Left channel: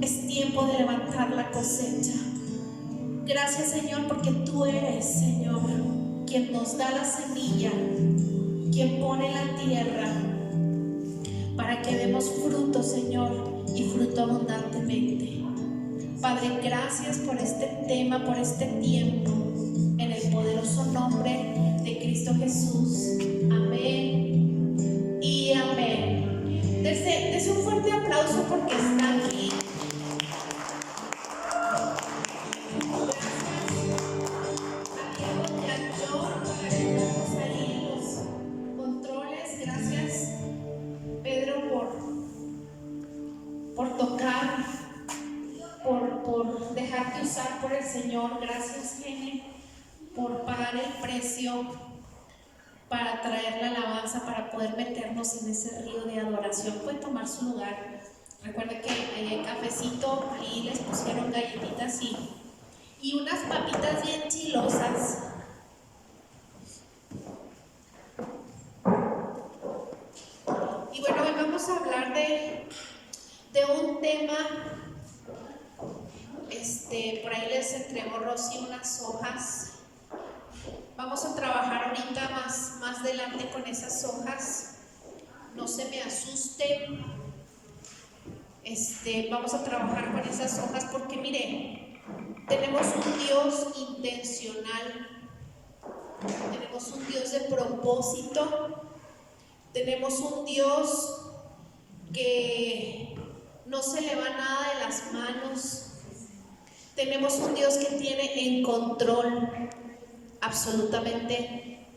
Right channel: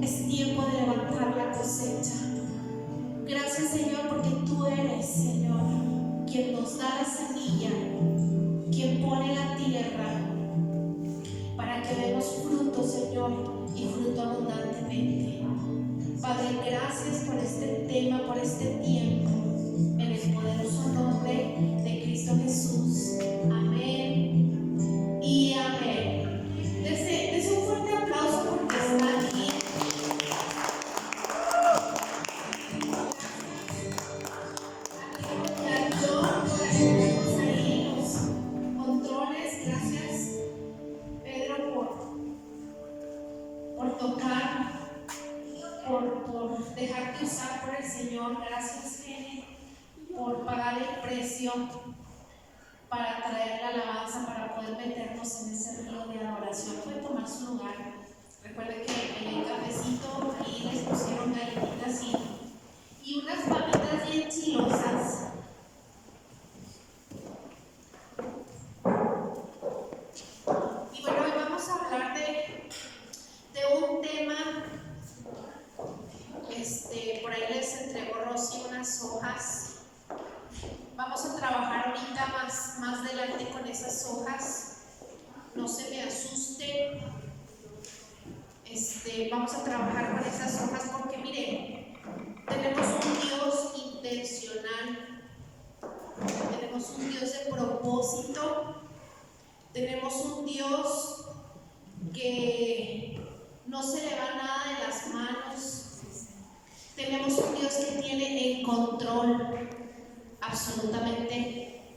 Es tiempo de levantar la cosecha. Gracias, Señor, porque tú eres, Señor, quien nos da la semilla, quien pone la tierra para que demos fruto, Señor, y fruto abundantemente. Padre, gracias por este tema, por este tiempo, en el poderoso nombre de Cristo Jesús. Amén y amén. Dese un fuerte aplauso porque está aquí. Por tocar, por dejarte usar por el Señor. Gracias, Jenny, por pagar el precio para traer la alabanza, para poder meternos en ese río de adoración. Puede tomar su lugar. Recuerden que ahí hay cafecito, ahí les pusieron galletitas y unas papitas bien chilosas. Y bueno, hoy vamos a hablar de un tema. Por ahí les entregó Rosy unas hojas. Vamos a trabajar ahorita más adelante con esas hojas. No se me asusten. Vamos a trabajar con esas hojas porque miren, tenemos un Dios intencional, tenemos un Dios de propósito, tenemos un Dios que no se le va nada de las manos. Tenemos un Dios que tiene en control absolutamente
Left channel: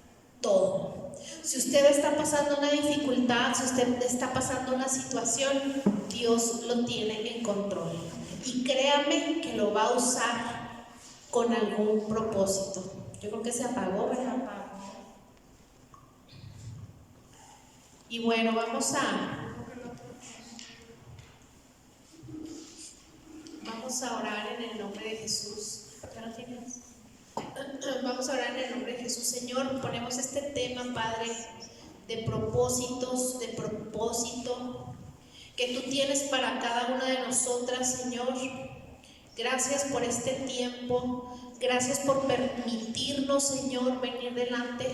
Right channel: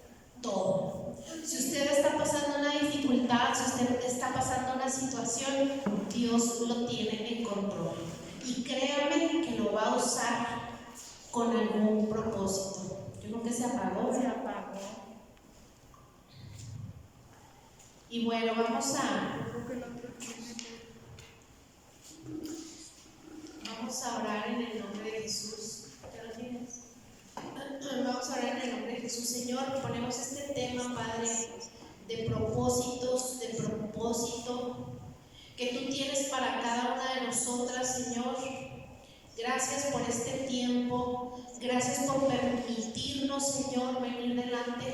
todo. Si usted está pasando una dificultad, si usted está pasando una situación, Dios lo tiene en control. Y créame que lo va a usar con algún propósito. Yo creo que se apagó, ¿verdad? Y bueno, vamos a orar en el nombre de Jesús. ¿Ya lo tienes? Vamos a orar en el nombre de Jesús. Señor, ponemos este tema, Padre, de propósitos, de propósito que tú tienes para cada una de nosotras, Señor. Gracias por este tiempo, gracias por permitirnos, Señor, venir delante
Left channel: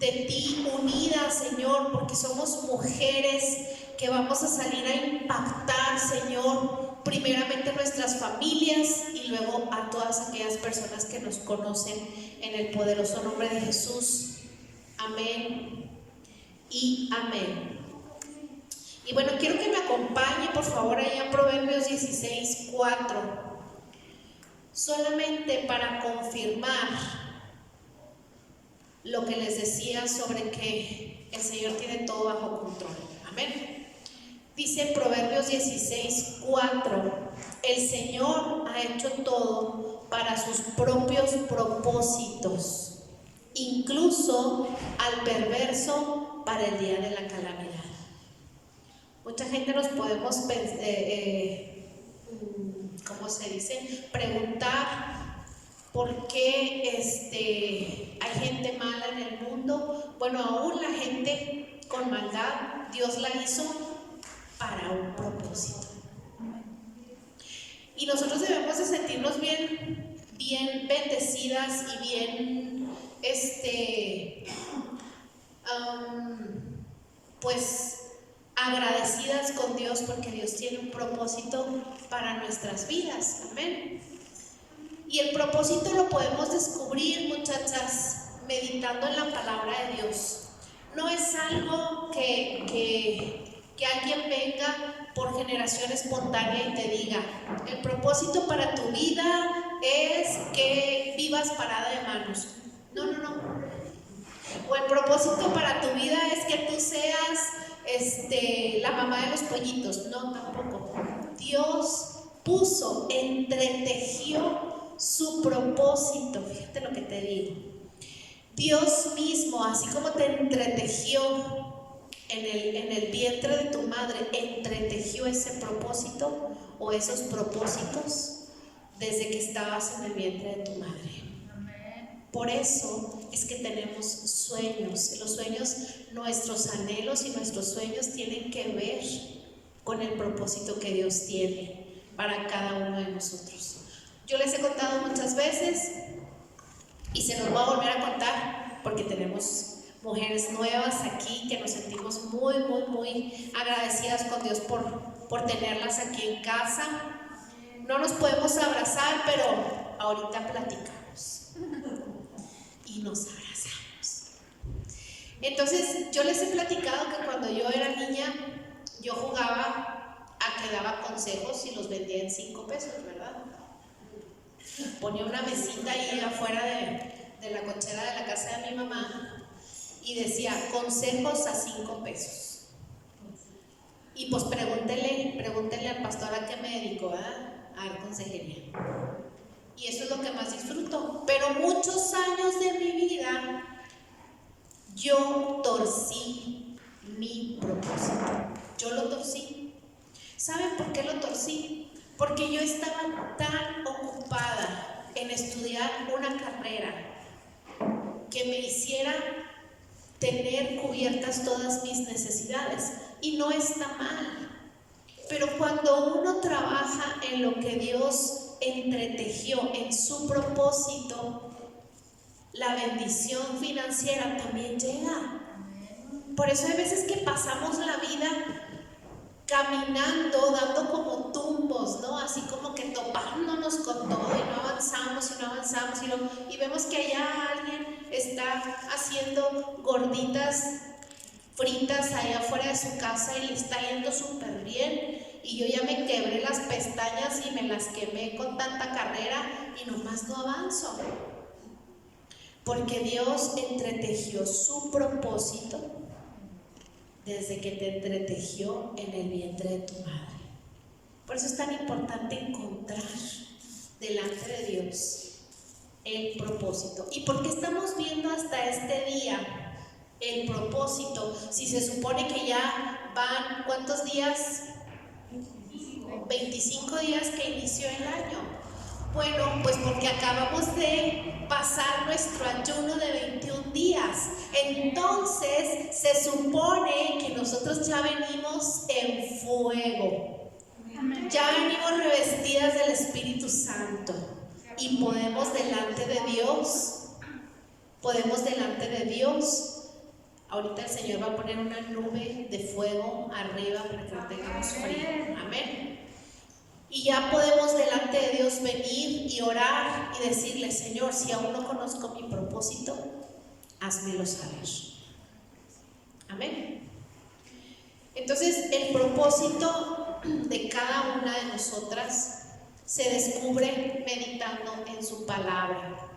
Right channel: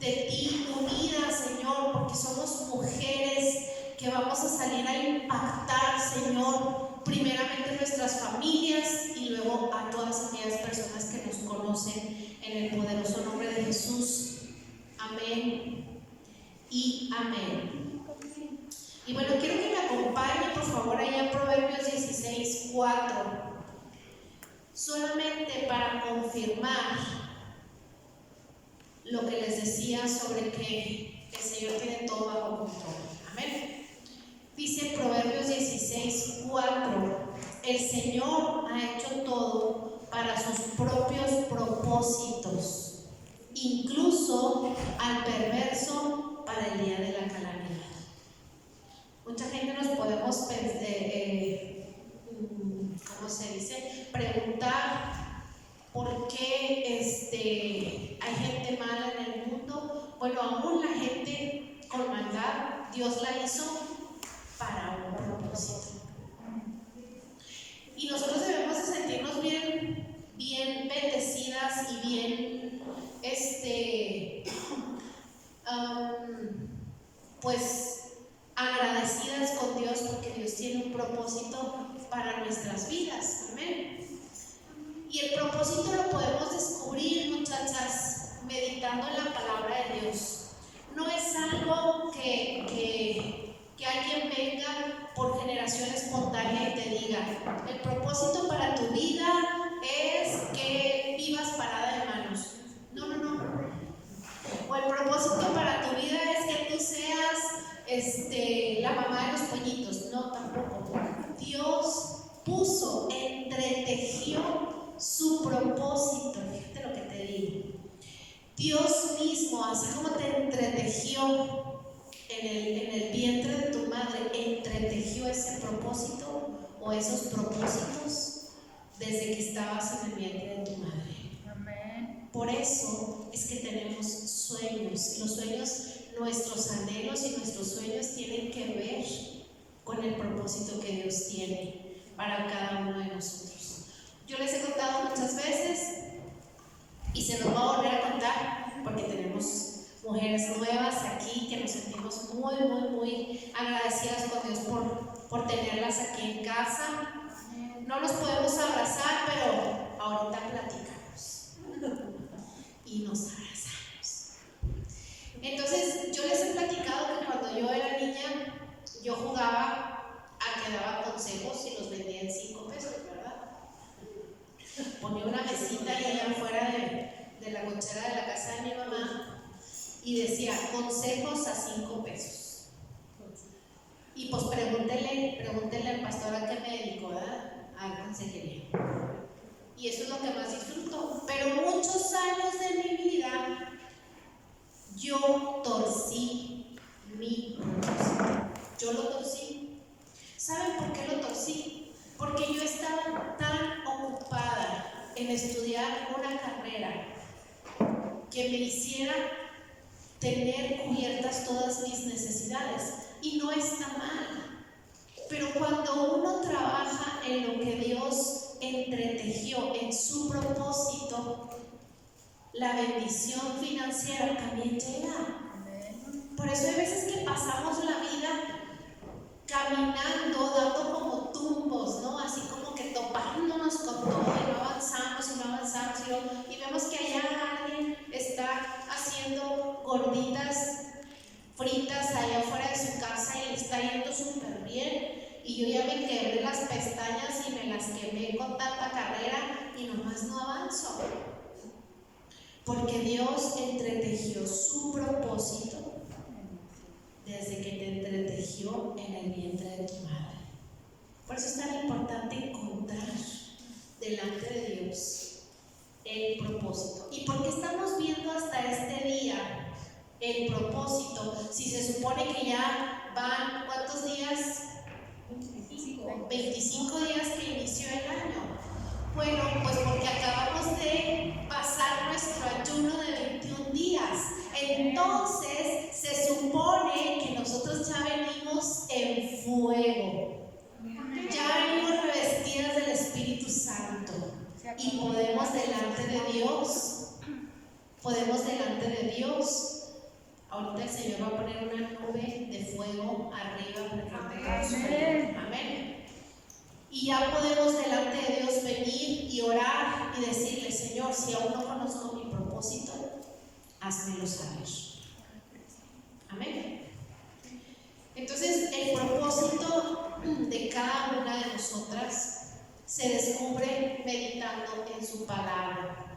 de ti unidas, Señor, porque somos mujeres que vamos a salir a impactar, Señor, primeramente nuestras familias y luego a todas aquellas personas que nos conocen, en el poderoso nombre de Jesús. Amén y amén. Y bueno, quiero que me acompañe por favor ahí en Proverbios 16:4, solamente para confirmar lo que les decía sobre que el Señor tiene todo bajo control. Amén. Dice Proverbios 16:4: el Señor ha hecho todo para sus propios propósitos, incluso al perverso para el día de la calamidad. Mucha gente nos podemos preguntar por qué hay gente mala en el mundo. Bueno, aún la gente con maldad, Dios la hizo para un propósito. Y nosotros debemos de sentirnos bien bendecidas y bien, pues agradecidas con Dios, porque Dios tiene un propósito para nuestras vidas. Amén. Y el propósito lo podemos descubrir, muchachas, meditando en la palabra de Dios. No es algo que alguien venga por generación espontánea y te diga: el propósito para tu vida es que vivas parada de manos. No. O el propósito para tu vida es que tú seas la mamá de los pollitos. No, tampoco. Dios puso, entretejió su propósito. Fíjate lo que te digo. Dios mismo, así como te entretejió en el vientre de tu madre, entretejió ese propósito o esos propósitos desde que estabas en el vientre de tu madre. Por eso es que tenemos sueños. Los sueños, nuestros anhelos y nuestros sueños tienen que ver con el propósito que Dios tiene para cada uno de nosotros. Yo les he contado muchas veces y se nos va a volver a contar porque tenemos mujeres nuevas aquí que nos sentimos muy, muy, muy agradecidas con Dios por tenerlas aquí en casa. No nos podemos abrazar, pero ahorita platicamos y nos abrazamos. Entonces, yo les he platicado que cuando yo era niña, yo jugaba a que daba consejos y los vendía en 5 pesos, ¿verdad? Ponía una mesita ahí afuera de la cochera de la casa de mi mamá y decía consejos a 5 pesos. Y pues pregúntele al pastor a qué me dedico, ¿verdad? A consejería. Y eso es lo que más disfruto. Pero muchos años de mi vida yo torcí mi propósito. Yo lo torcí. ¿Saben por qué lo torcí? Porque yo estaba tan ocupada en estudiar una carrera que me hiciera tener cubiertas todas mis necesidades. Y no está mal. Pero cuando uno trabaja en lo que Dios entretejió en su propósito, la bendición financiera también llega. Por eso hay veces que pasamos la vida caminando, dando como tumbos, ¿no? Así como que topándonos con todo y no avanzamos y vemos que allá alguien está haciendo gorditas fritas allá afuera de su casa y le está yendo súper bien, y yo ya me quebré las pestañas y me las quemé con tanta carrera y nomás no avanzo, porque Dios entretejió su propósito desde que te entretejió en el vientre de tu madre. Por eso es tan importante encontrar delante de Dios el propósito. ¿Y por qué estamos viendo hasta este día el propósito? Si se supone que ya van, ¿cuántos días? 25 días que inició el año. Bueno, pues porque acabamos de pasar nuestro ayuno de 21 días. Entonces se supone que nosotros ya venimos en fuego. Ya venimos revestidas del Espíritu Santo. Y podemos delante de Dios. Ahorita el Señor va a poner una nube de fuego arriba para que no tengamos frío. Amén. Y ya podemos delante de Dios venir y orar y decirle: Señor, si aún no conozco mi propósito, házmelo saber. Amén. Entonces, el propósito de cada una de nosotras se descubre meditando en su palabra.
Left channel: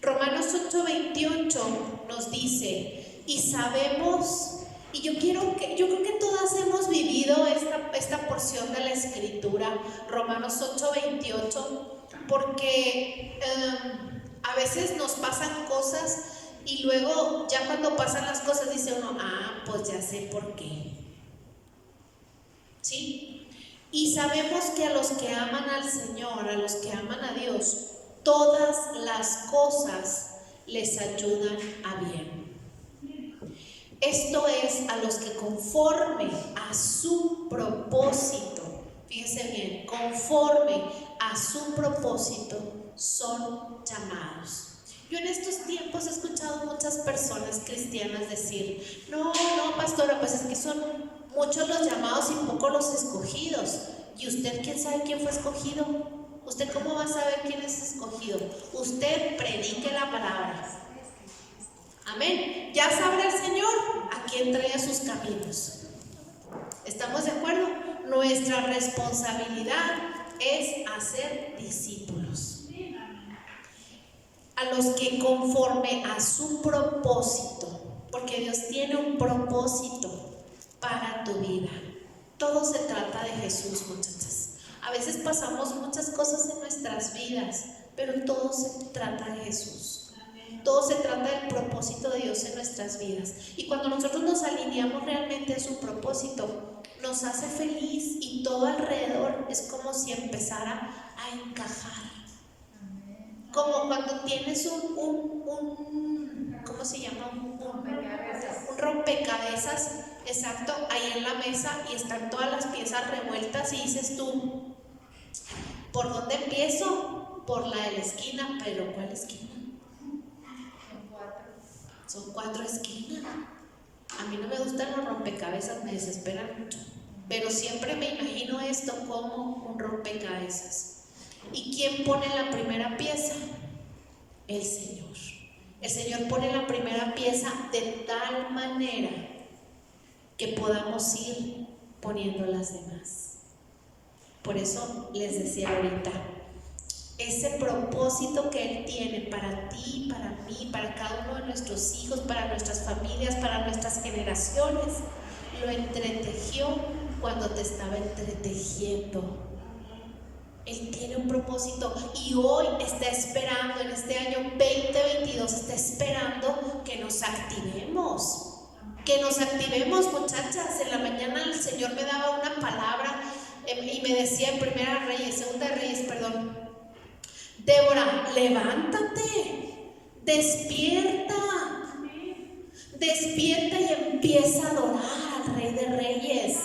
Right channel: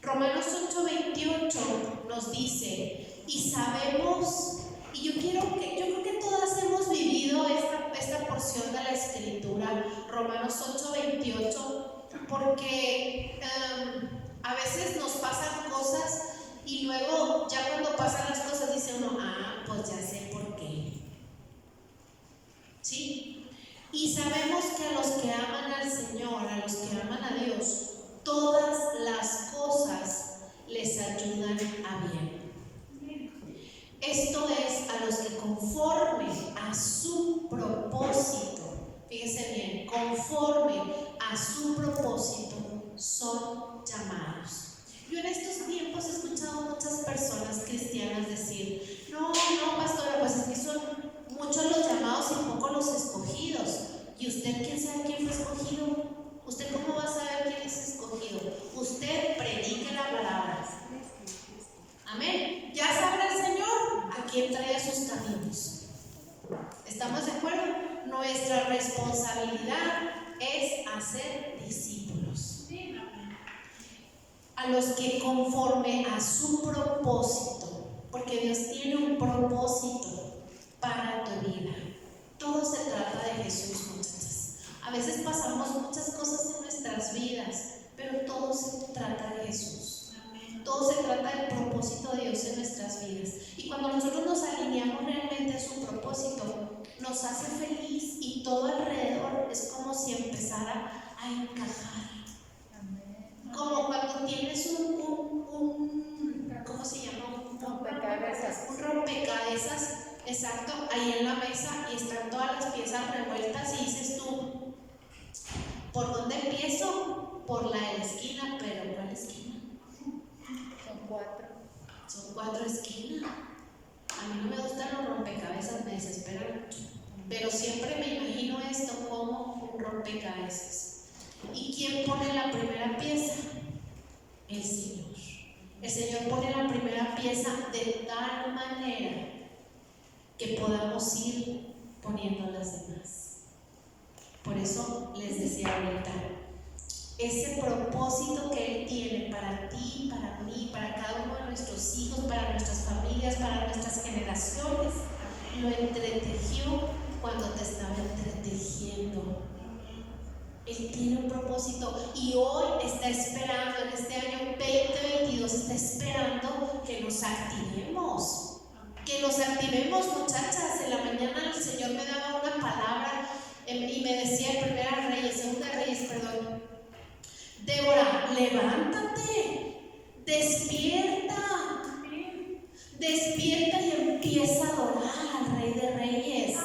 Romanos 8:28 nos dice, y sabemos, y yo creo que todas hemos vivido esta porción de la Escritura, Romanos 8:28, porque a veces nos pasan cosas y luego ya cuando pasan las cosas dice uno: pues ya sé por qué. ¿Sí? Y sabemos que a los que aman al Señor, a los que aman a Dios, todas las cosas les ayudan a bien. Esto es, a los que conforme a su propósito, fíjense bien, conforme a su propósito son llamados. Yo en estos tiempos he escuchado muchas personas cristianas decir: no, pastora, pues es que son muchos los llamados y pocos los escogidos. ¿Y usted quién sabe quién fue escogido? ¿Usted cómo va a saber quién es escogido? Usted predique la palabra. Amén. Ya sabrá el Señor a quién trae a sus caminos. ¿Estamos de acuerdo? Nuestra responsabilidad es hacer discípulos. A los que conforme a su propósito, porque Dios tiene un propósito para tu vida. Todo se trata de Jesús, muchachas. A veces pasamos muchas cosas en nuestras vidas, pero todo se trata de Jesús. Todo se trata del propósito de Dios en nuestras vidas. Y cuando nosotros nos alineamos realmente a su propósito, nos hace feliz y todo alrededor es como si empezara a encajar. Como cuando tienes ¿cómo se llama? Un rompecabezas, exacto, ahí en la mesa y están todas las piezas revueltas sientas y dices tú, ¿por dónde empiezo? Por la de la esquina, pero ¿cuál esquina? Son 4 esquinas. A mí no me gustan los rompecabezas, me desesperan mucho. Pero siempre me imagino esto como un rompecabezas. ¿Y quién pone la primera pieza? El Señor. El Señor pone la primera pieza de tal manera que podamos ir poniendo las demás. Por eso les decía ahorita, ese propósito que Él tiene para ti, para mí, para cada uno de nuestros hijos, para nuestras familias, para nuestras generaciones, lo entretejió cuando te estaba entretejiendo. Él tiene un propósito y hoy está esperando, en este año 2022, está esperando que nos activemos. Que nos activemos, muchachas. En la mañana el Señor me daba una palabra y me decía en Segunda Reyes, Débora, levántate, despierta y empieza a adorar al Rey de Reyes.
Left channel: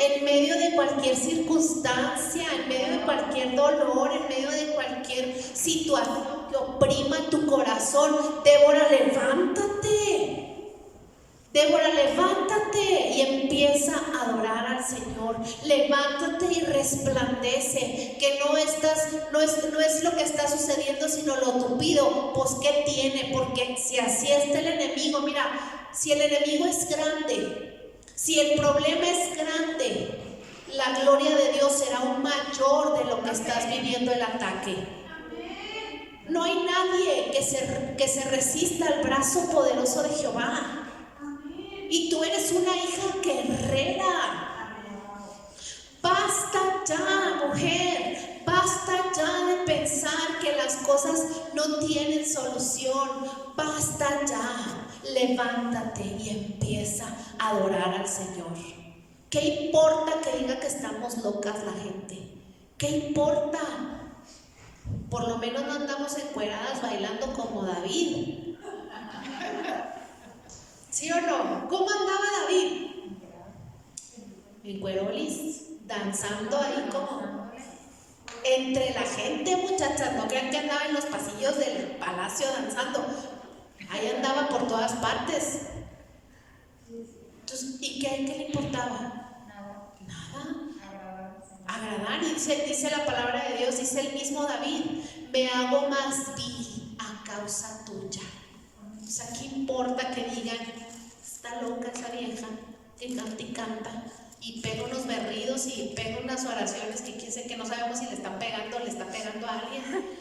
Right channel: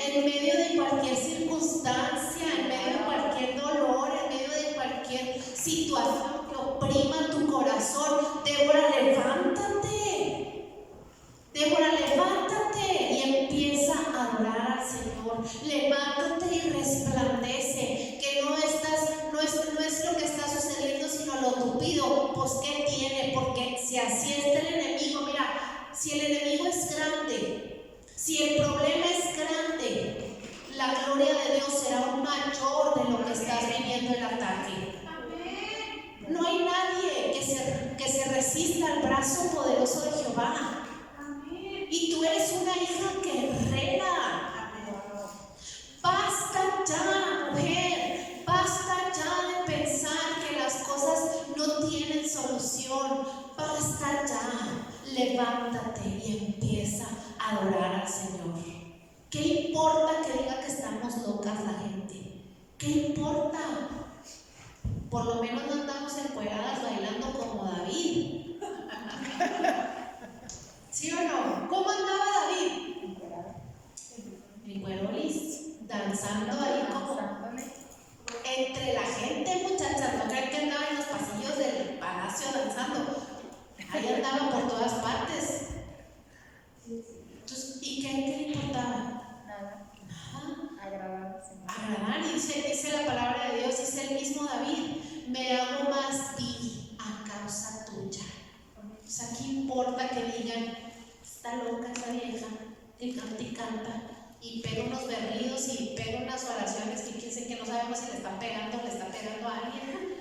En medio de cualquier circunstancia, en medio de cualquier dolor, en medio de cualquier situación que oprima tu corazón, Débora, levántate y empieza a adorar al Señor. Levántate y resplandece, que no es lo que está sucediendo, sino lo tupido. Pues ¿qué tiene? Porque si así está el enemigo, mira, si el enemigo es grande, si el problema es grande, la gloria de Dios será aún mayor de lo que estás viviendo el ataque. No hay nadie que se resista al brazo poderoso de Jehová. Y tú eres una hija guerrera. Basta ya, mujer. Basta ya de pensar que las cosas no tienen solución. Basta ya. Levántate y empieza a adorar al Señor. ¿Qué importa que diga que estamos locas la gente? ¿Qué importa? Por lo menos no andamos encueradas bailando como David. ¿Sí o no? ¿Cómo andaba David? En cuerolis, danzando ahí como entre la gente, muchachas. No crean que andaba en los pasillos del palacio danzando. Ahí andaba por todas partes. Entonces, ¿y qué le importaba? Nada. Agradar. Y dice la palabra de Dios, dice el mismo David, me hago más vil a causa tuya. O sea, ¿qué importa que digan, está loca esa vieja que canta y pega unos berridos y pega unas oraciones que no sabemos si le está pegando a alguien?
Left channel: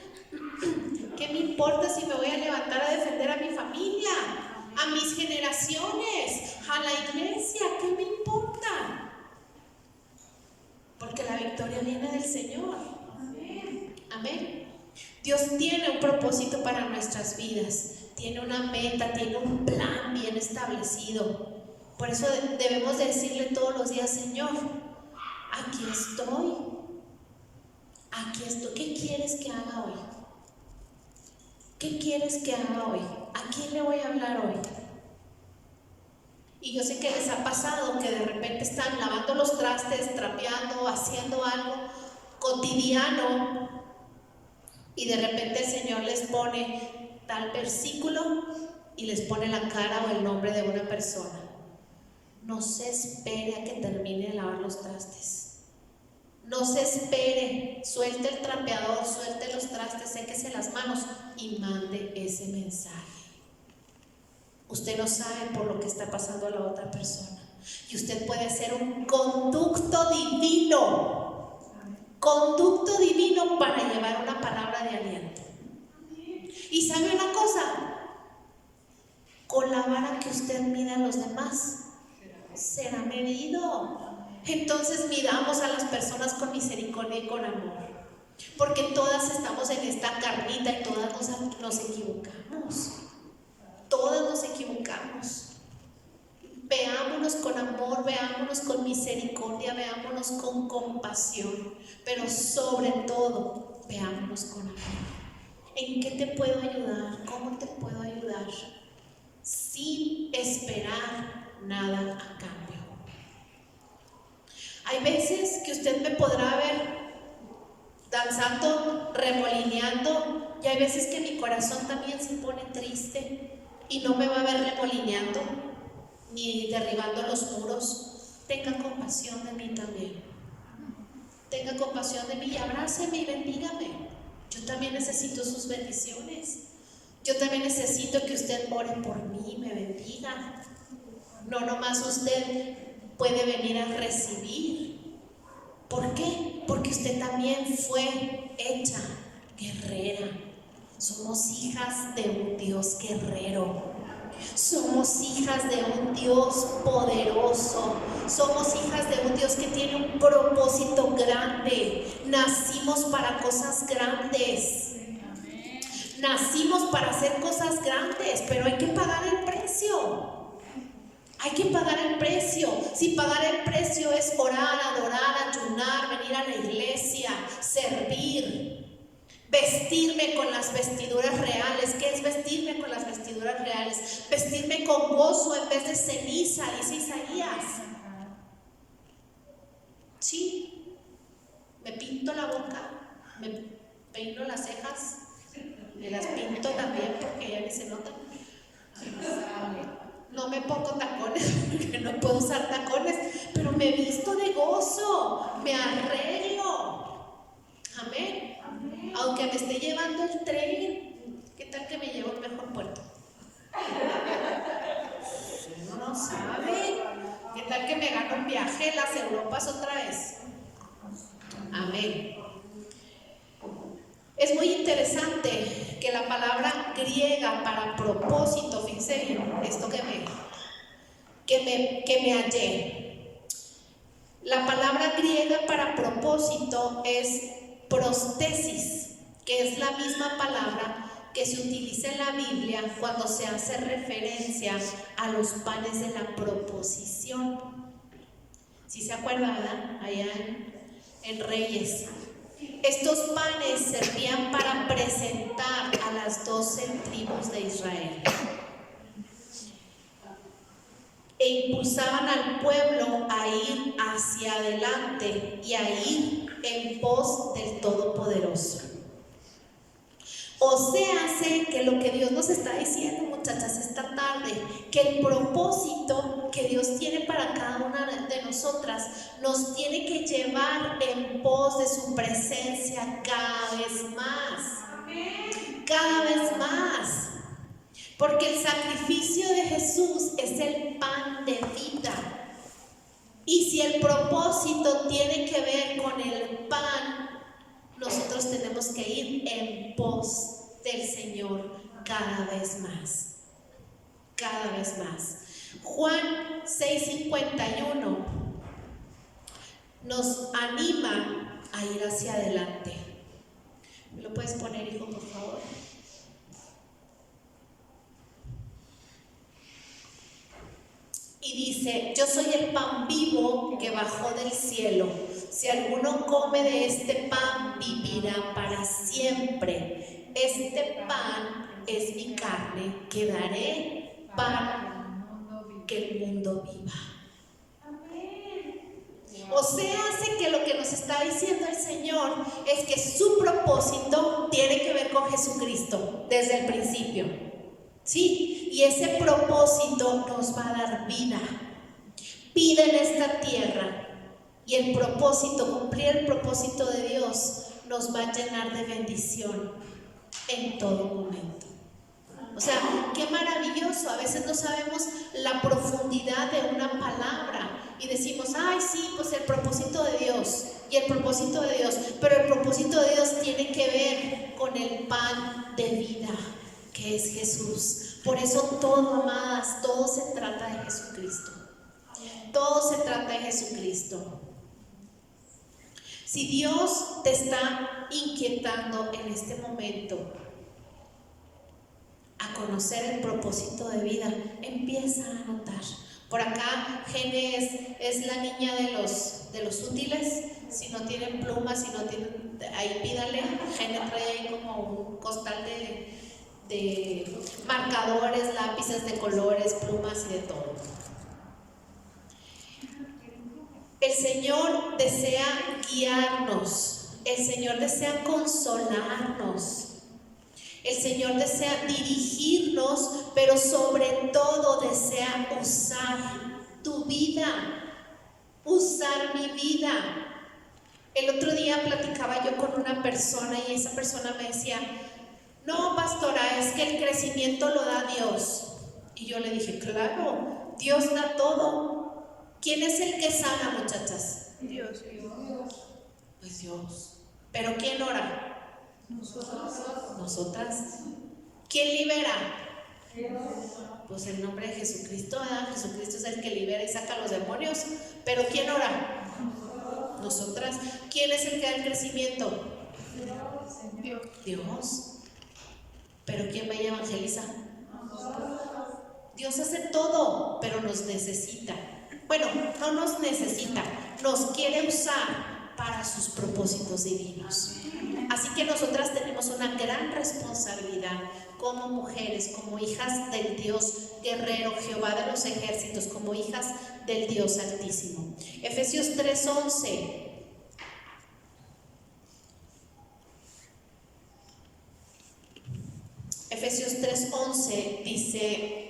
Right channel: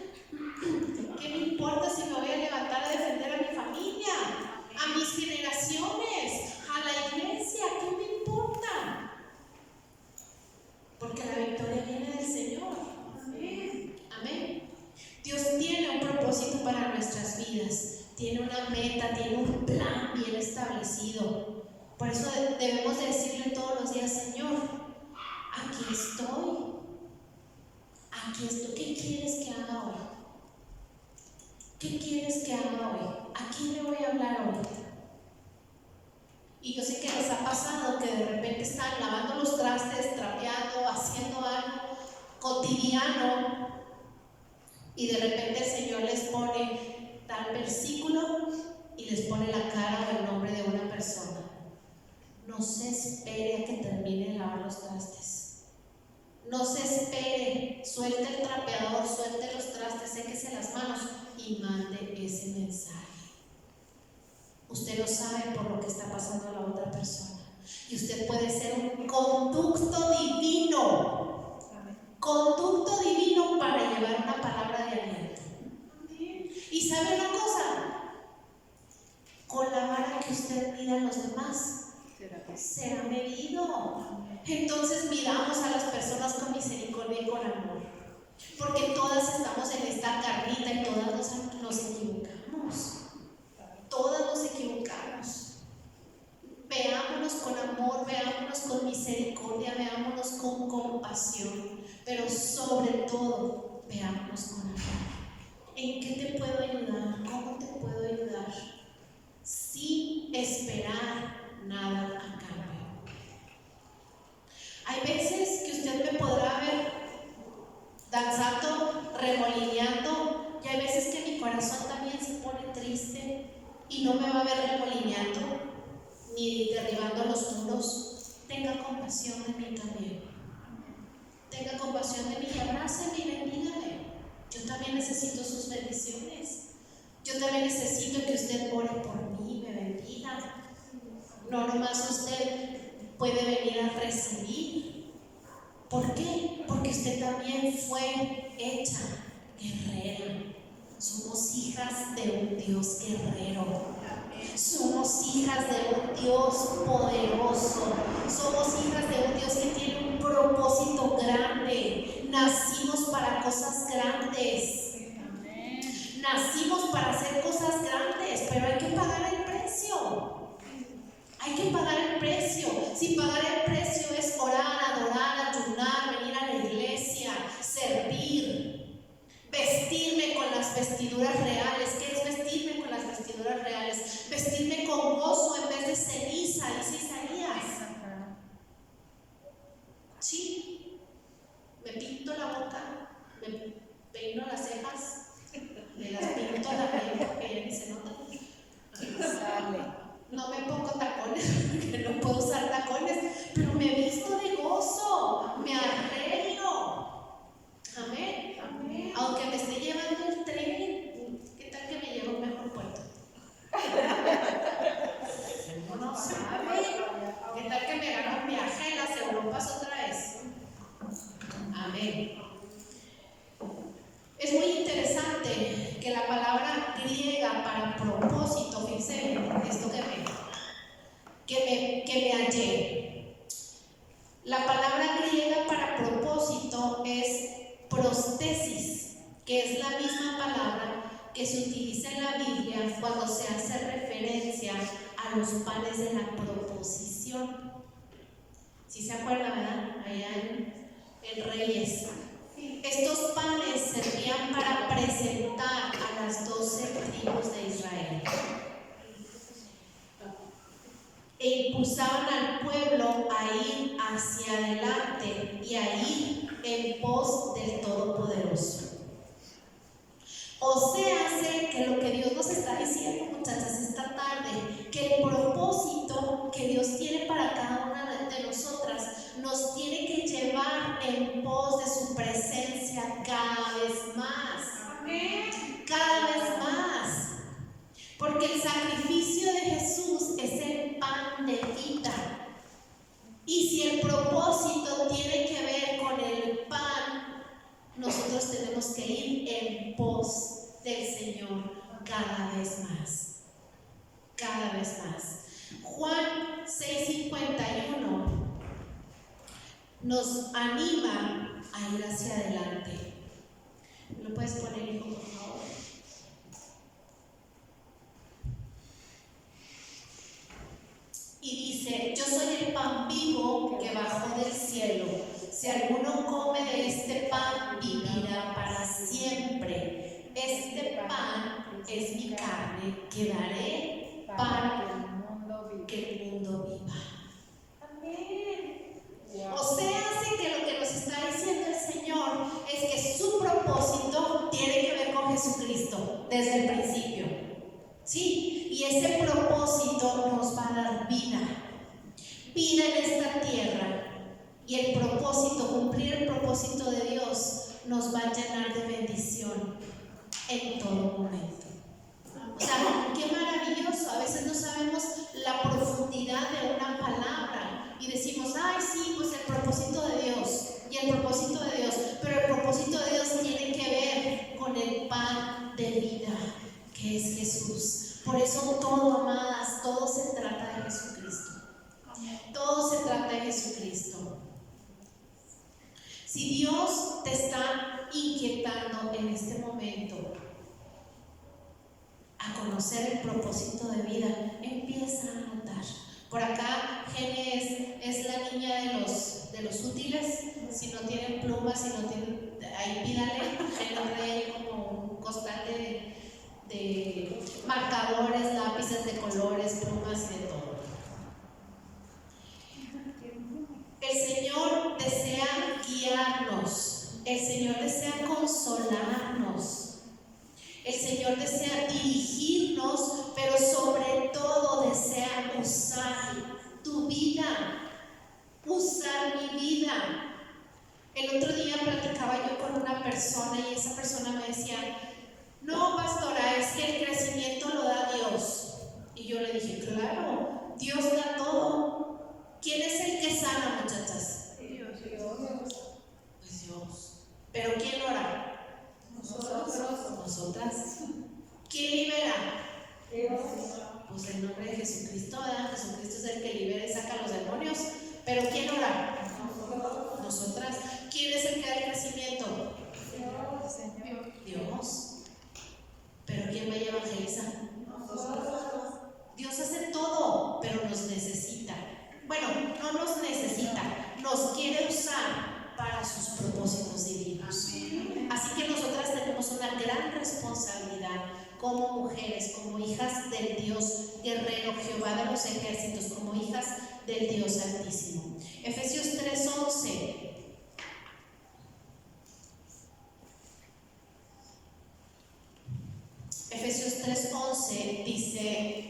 ¿Qué me importa si me voy a levantar a defender a mi familia, a mis generaciones, a la iglesia? ¿Qué me importa? Porque la victoria viene del Señor. Amén. Dios tiene un propósito para nuestras vidas. Tiene una meta, tiene un plan bien establecido. Por eso debemos decirle todos los días, Señor, aquí estoy. ¿Qué quieres que haga hoy? ¿Qué quieres que haga hoy? ¿A quién le voy a hablar hoy? Y yo sé que les ha pasado que de repente están lavando los trastes, trapeando, haciendo algo cotidiano y de repente el Señor les pone tal versículo y les pone la cara o el nombre de una persona. No se espere a que termine de lavar los trastes. No se espere, suelte el trapeador, suelte los trastes, séquese las manos y mande ese mensaje. Usted no sabe por lo que está pasando a la otra persona. Y usted puede ser un conducto divino. Conducto divino para llevar una palabra de aliento. Y sabe una cosa, con la vara que usted mida a los demás será medido. Entonces midamos a las personas con misericordia y con amor, porque todas estamos en esta carnita y todas nos equivocamos. Todas nos equivocamos. Veámonos con amor, veámonos con misericordia, veámonos con compasión, pero sobre todo, veámonos con amor. ¿En qué te puedo ayudar? ¿Cómo te puedo ayudar? Sin esperar nada a cambio. Hay veces que usted me y no me va a ver remolineando ni derribando los muros. Tenga compasión de mí también. Tenga compasión de mí y abráceme y bendígame. Yo también necesito sus bendiciones. Yo también necesito que usted ore por mí, me bendiga. No nomás usted puede venir a recibir. ¿Por qué? Porque usted también fue hecha guerrera. Somos hijas de un Dios guerrero. Somos hijas de un Dios poderoso. Somos hijas de un Dios que tiene un propósito grande. Nacimos para cosas grandes. Nacimos para hacer cosas grandes, pero hay que pagar el precio. Hay que pagar el precio. Si pagar el precio es orar, adorar, ayunar, venir a la iglesia, servir, vestirme con las vestiduras reales. ¿Qué es vestirme con las vestiduras reales? Vestirme con gozo en vez de ceniza, dice Isaías. Sí, me pinto la boca, me peino las cejas, me las pinto también porque ya ni se nota. No me pongo tacones porque no puedo usar tacones, pero me visto de gozo, me arreglo. Amén. Amén. Aunque me esté llevando el tren, ¿qué tal que me llevo a un mejor puerto? Uno no sabe. ¿Qué tal que me gano un viaje a las Europas otra vez? Amén. Es muy interesante que la palabra griega para propósito, fíjense bien, esto que me hallé. La palabra griega para propósito es prostesis, que es la misma palabra que se utiliza en la Biblia cuando se hace referencia a los panes de la proposición. ¿Sí se acuerda, verdad? Allá en Reyes. Estos panes servían para presentar a las 12 tribus de Israel e impulsaban al pueblo a ir hacia adelante y a ir en pos del Todopoderoso. O sea, sé que lo que Dios nos está diciendo, muchachas, esta tarde, que el propósito que Dios tiene para cada una de nosotras nos tiene que llevar en pos de su presencia cada vez más. Amén. Cada vez más. Porque el sacrificio de Jesús es el pan de vida. Y si el propósito tiene que ver con el pan, nosotros tenemos que ir en pos del Señor cada vez más. Cada vez más. Juan 6:51 nos anima a ir hacia adelante. ¿Me lo puedes poner, hijo, por favor? Y dice: yo soy el pan vivo que bajó del cielo. Si alguno come de este pan, vivirá para siempre. Este pan es mi carne que daré para que el mundo viva. Amén. O sea, hace que lo que nos está diciendo el Señor es que su propósito tiene que ver con Jesucristo desde el principio. Sí, y ese propósito nos va a dar vida en esta tierra. Y el propósito, cumplir el propósito de Dios, nos va a llenar de bendición en todo momento. O sea, qué maravilloso. A veces no sabemos la profundidad de una palabra y decimos: ay, sí, pues el propósito de Dios y el propósito de Dios. Pero el propósito de Dios tiene que ver con el pan de vida, que es Jesús. Por eso todo, amadas, todo se trata de Jesucristo. Todo se trata de Jesucristo. Si Dios te está inquietando en este momento a conocer el propósito de vida, empieza a anotar. Por acá, Gene es la niña de los útiles. Si no tienen plumas, si no tienen, ahí pídale. Gene trae ahí como un costal de marcadores, lápices de colores, plumas y de todo. El Señor desea guiarnos, el Señor desea consolarnos, el Señor desea dirigirnos, pero sobre usar mi vida. El otro día platicaba yo con una persona y esa persona me decía, no, pastora, es que el crecimiento lo da Dios. Y yo le dije, claro, Dios da todo. ¿Quién es el que sana, muchachas? Dios. Pues Dios. ¿Pero quién ora? Nosotros. Nosotras. ¿Quién libera? Pues el nombre de Jesucristo, ¿verdad? Jesucristo es el que libera y saca a los demonios. ¿Pero quién ora? Nosotras. ¿Quién es el que da el crecimiento? Dios. ¿Pero quién va y evangeliza? Dios hace todo, pero nos necesita. Bueno, no nos necesita, nos quiere usar para sus propósitos divinos. Así que nosotras tenemos una gran responsabilidad como mujeres, como hijas del Dios guerrero, Jehová de los ejércitos, como hijas del Dios Altísimo. Efesios 3:11. Efesios 3:11 dice,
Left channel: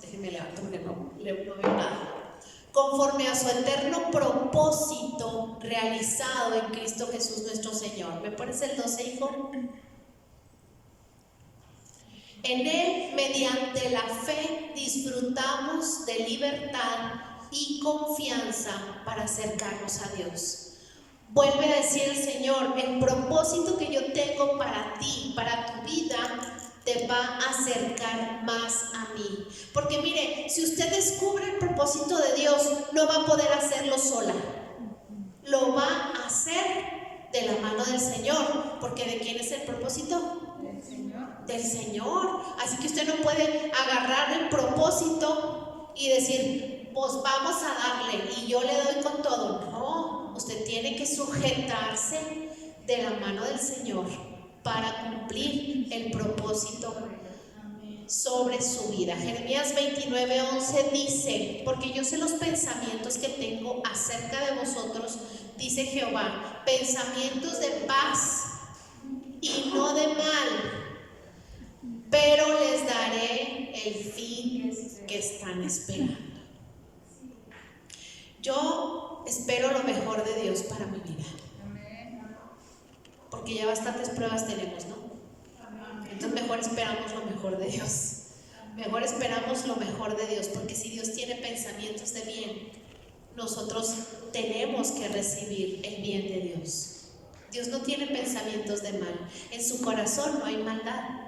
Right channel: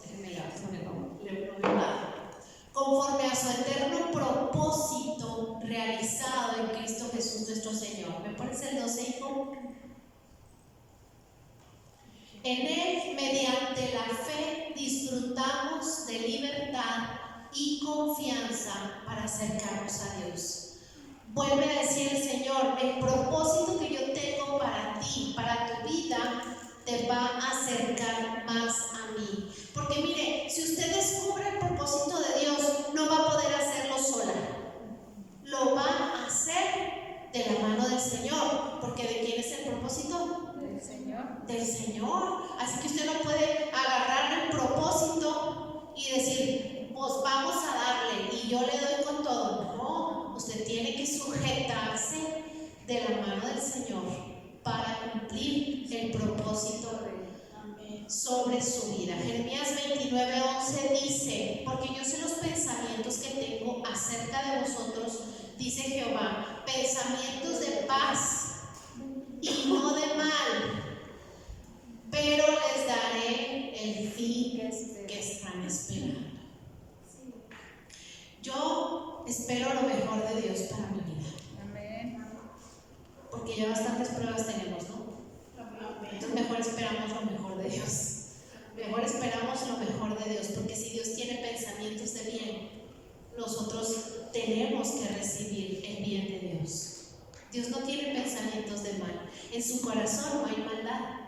déjenme levantar porque no veo nada. Conforme a su eterno propósito realizado en Cristo Jesús nuestro Señor. ¿Me pones el 12, hijo? En Él, mediante la fe, disfrutamos de libertad y confianza para acercarnos a Dios. Vuelve a decir el Señor, el propósito que yo tengo para ti, para tu vida, te va a acercar más a mí. Porque mire, si usted descubre el propósito de Dios, no va a poder hacerlo sola. Lo va a hacer de la mano del Señor. Porque ¿de quién es el propósito? Del Señor. Del Señor. Así que usted no puede agarrar el propósito y decir, pues vamos a darle y yo le doy con todo. No, usted tiene que sujetarse de la mano del Señor para cumplir el propósito sobre su vida. Jeremías 29:11 dice, porque yo sé los pensamientos que tengo acerca de vosotros, dice Jehová, pensamientos de paz y no de mal, pero les daré el fin que están esperando. Yo espero lo mejor de Dios para mi vida. Porque ya bastantes pruebas tenemos, ¿no? Entonces mejor esperamos lo mejor de Dios. Mejor esperamos lo mejor de Dios, porque si Dios tiene pensamientos de bien, nosotros tenemos que recibir el bien de Dios. Dios no tiene pensamientos de mal. En su corazón no hay maldad.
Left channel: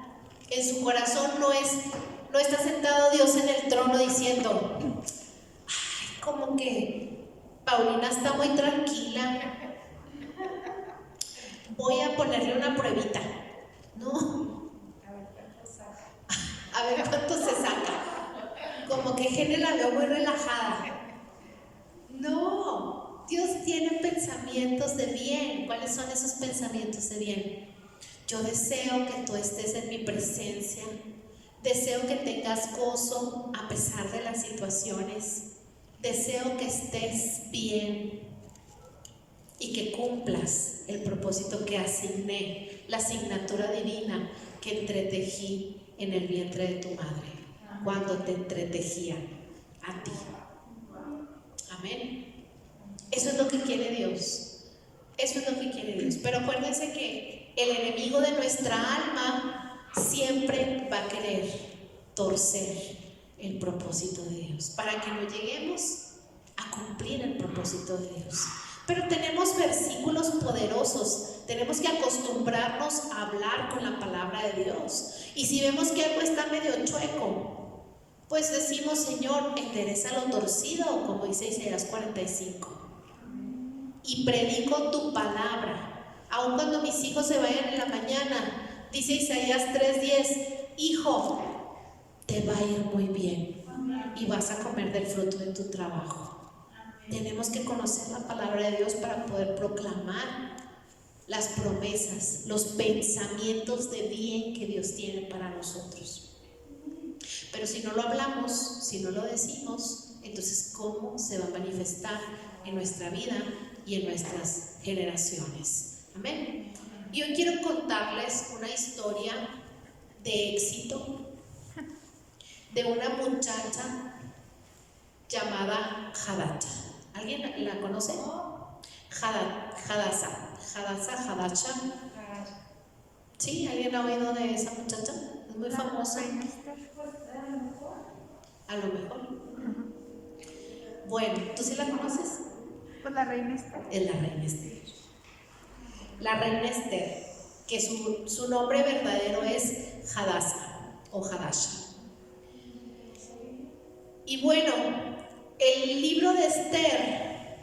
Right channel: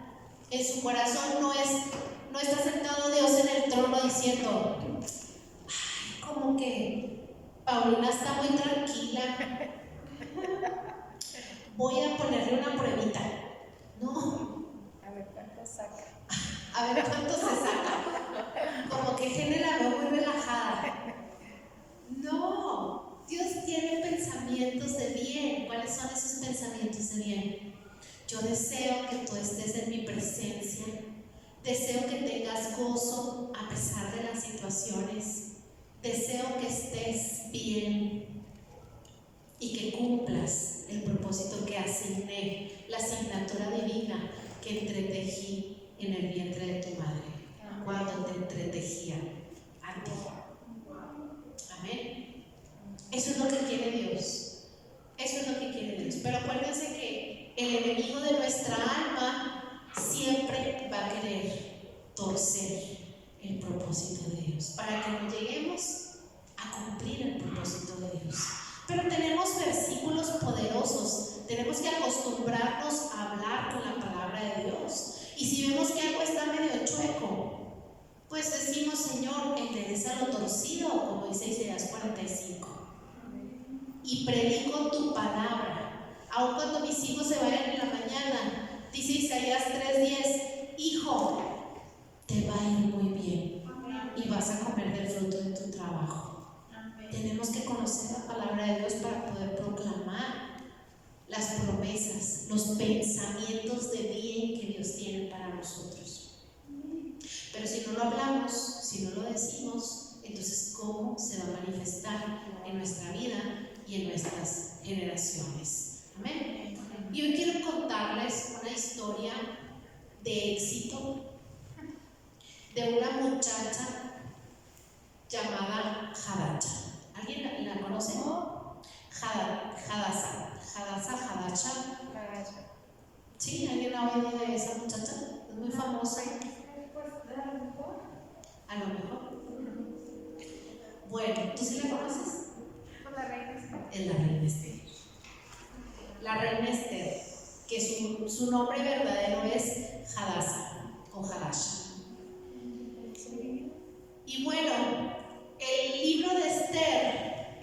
En su corazón no está sentado Dios en el trono diciendo, ay, como que Paulina está muy tranquila, voy a ponerle una pruebita. No. A ver cuánto saca. A ver cuánto se saca. Como que Gene la veo muy relajada. No, Dios tiene pensamientos de bien. ¿Cuáles son esos pensamientos de bien? Yo deseo que tú estés en mi presencia. Deseo que tengas gozo a pesar de las situaciones. Deseo que estés bien y que cumplas el propósito que asigné, la asignatura divina que entretejí en el vientre de tu madre, cuando te entretejía a ti. Amén. Eso es lo que quiere Dios. Eso es lo que quiere Dios. Pero acuérdense que el enemigo de nuestra alma siempre va a querer torcer el propósito de Dios para que no lleguemos a cumplir el propósito de Dios. Pero tenemos versículos poderosos. Tenemos que acostumbrarnos a hablar con la palabra de Dios. Y si vemos que algo está medio chueco, pues decimos, Señor, endereza lo torcido, como dice Isaías 45. Y predico tu palabra. Aun cuando mis hijos se vayan en la mañana, dice Isaías 3:10, hijo, te va a ir muy bien y vas a comer del fruto de tu trabajo. Tenemos que conocer la palabra de Dios para poder proclamar las promesas, los pensamientos de bien que Dios tiene para nosotros. Pero si no lo hablamos, si no lo decimos, entonces ¿cómo se va a manifestar en nuestra vida y en nuestras generaciones? Amén. Y hoy quiero contarles una historia de éxito de una muchacha llamada Hadassah. ¿Alguien la conoce? Hadassah. ¿Sí? ¿Alguien ha oído de esa muchacha? Es muy famosa. A lo mejor. Bueno, ¿tú sí la conoces? Pues la reina Esther. Es la reina Esther. La reina Esther, que su nombre verdadero es Hadassah o Hadassah. Y bueno, el libro de Esther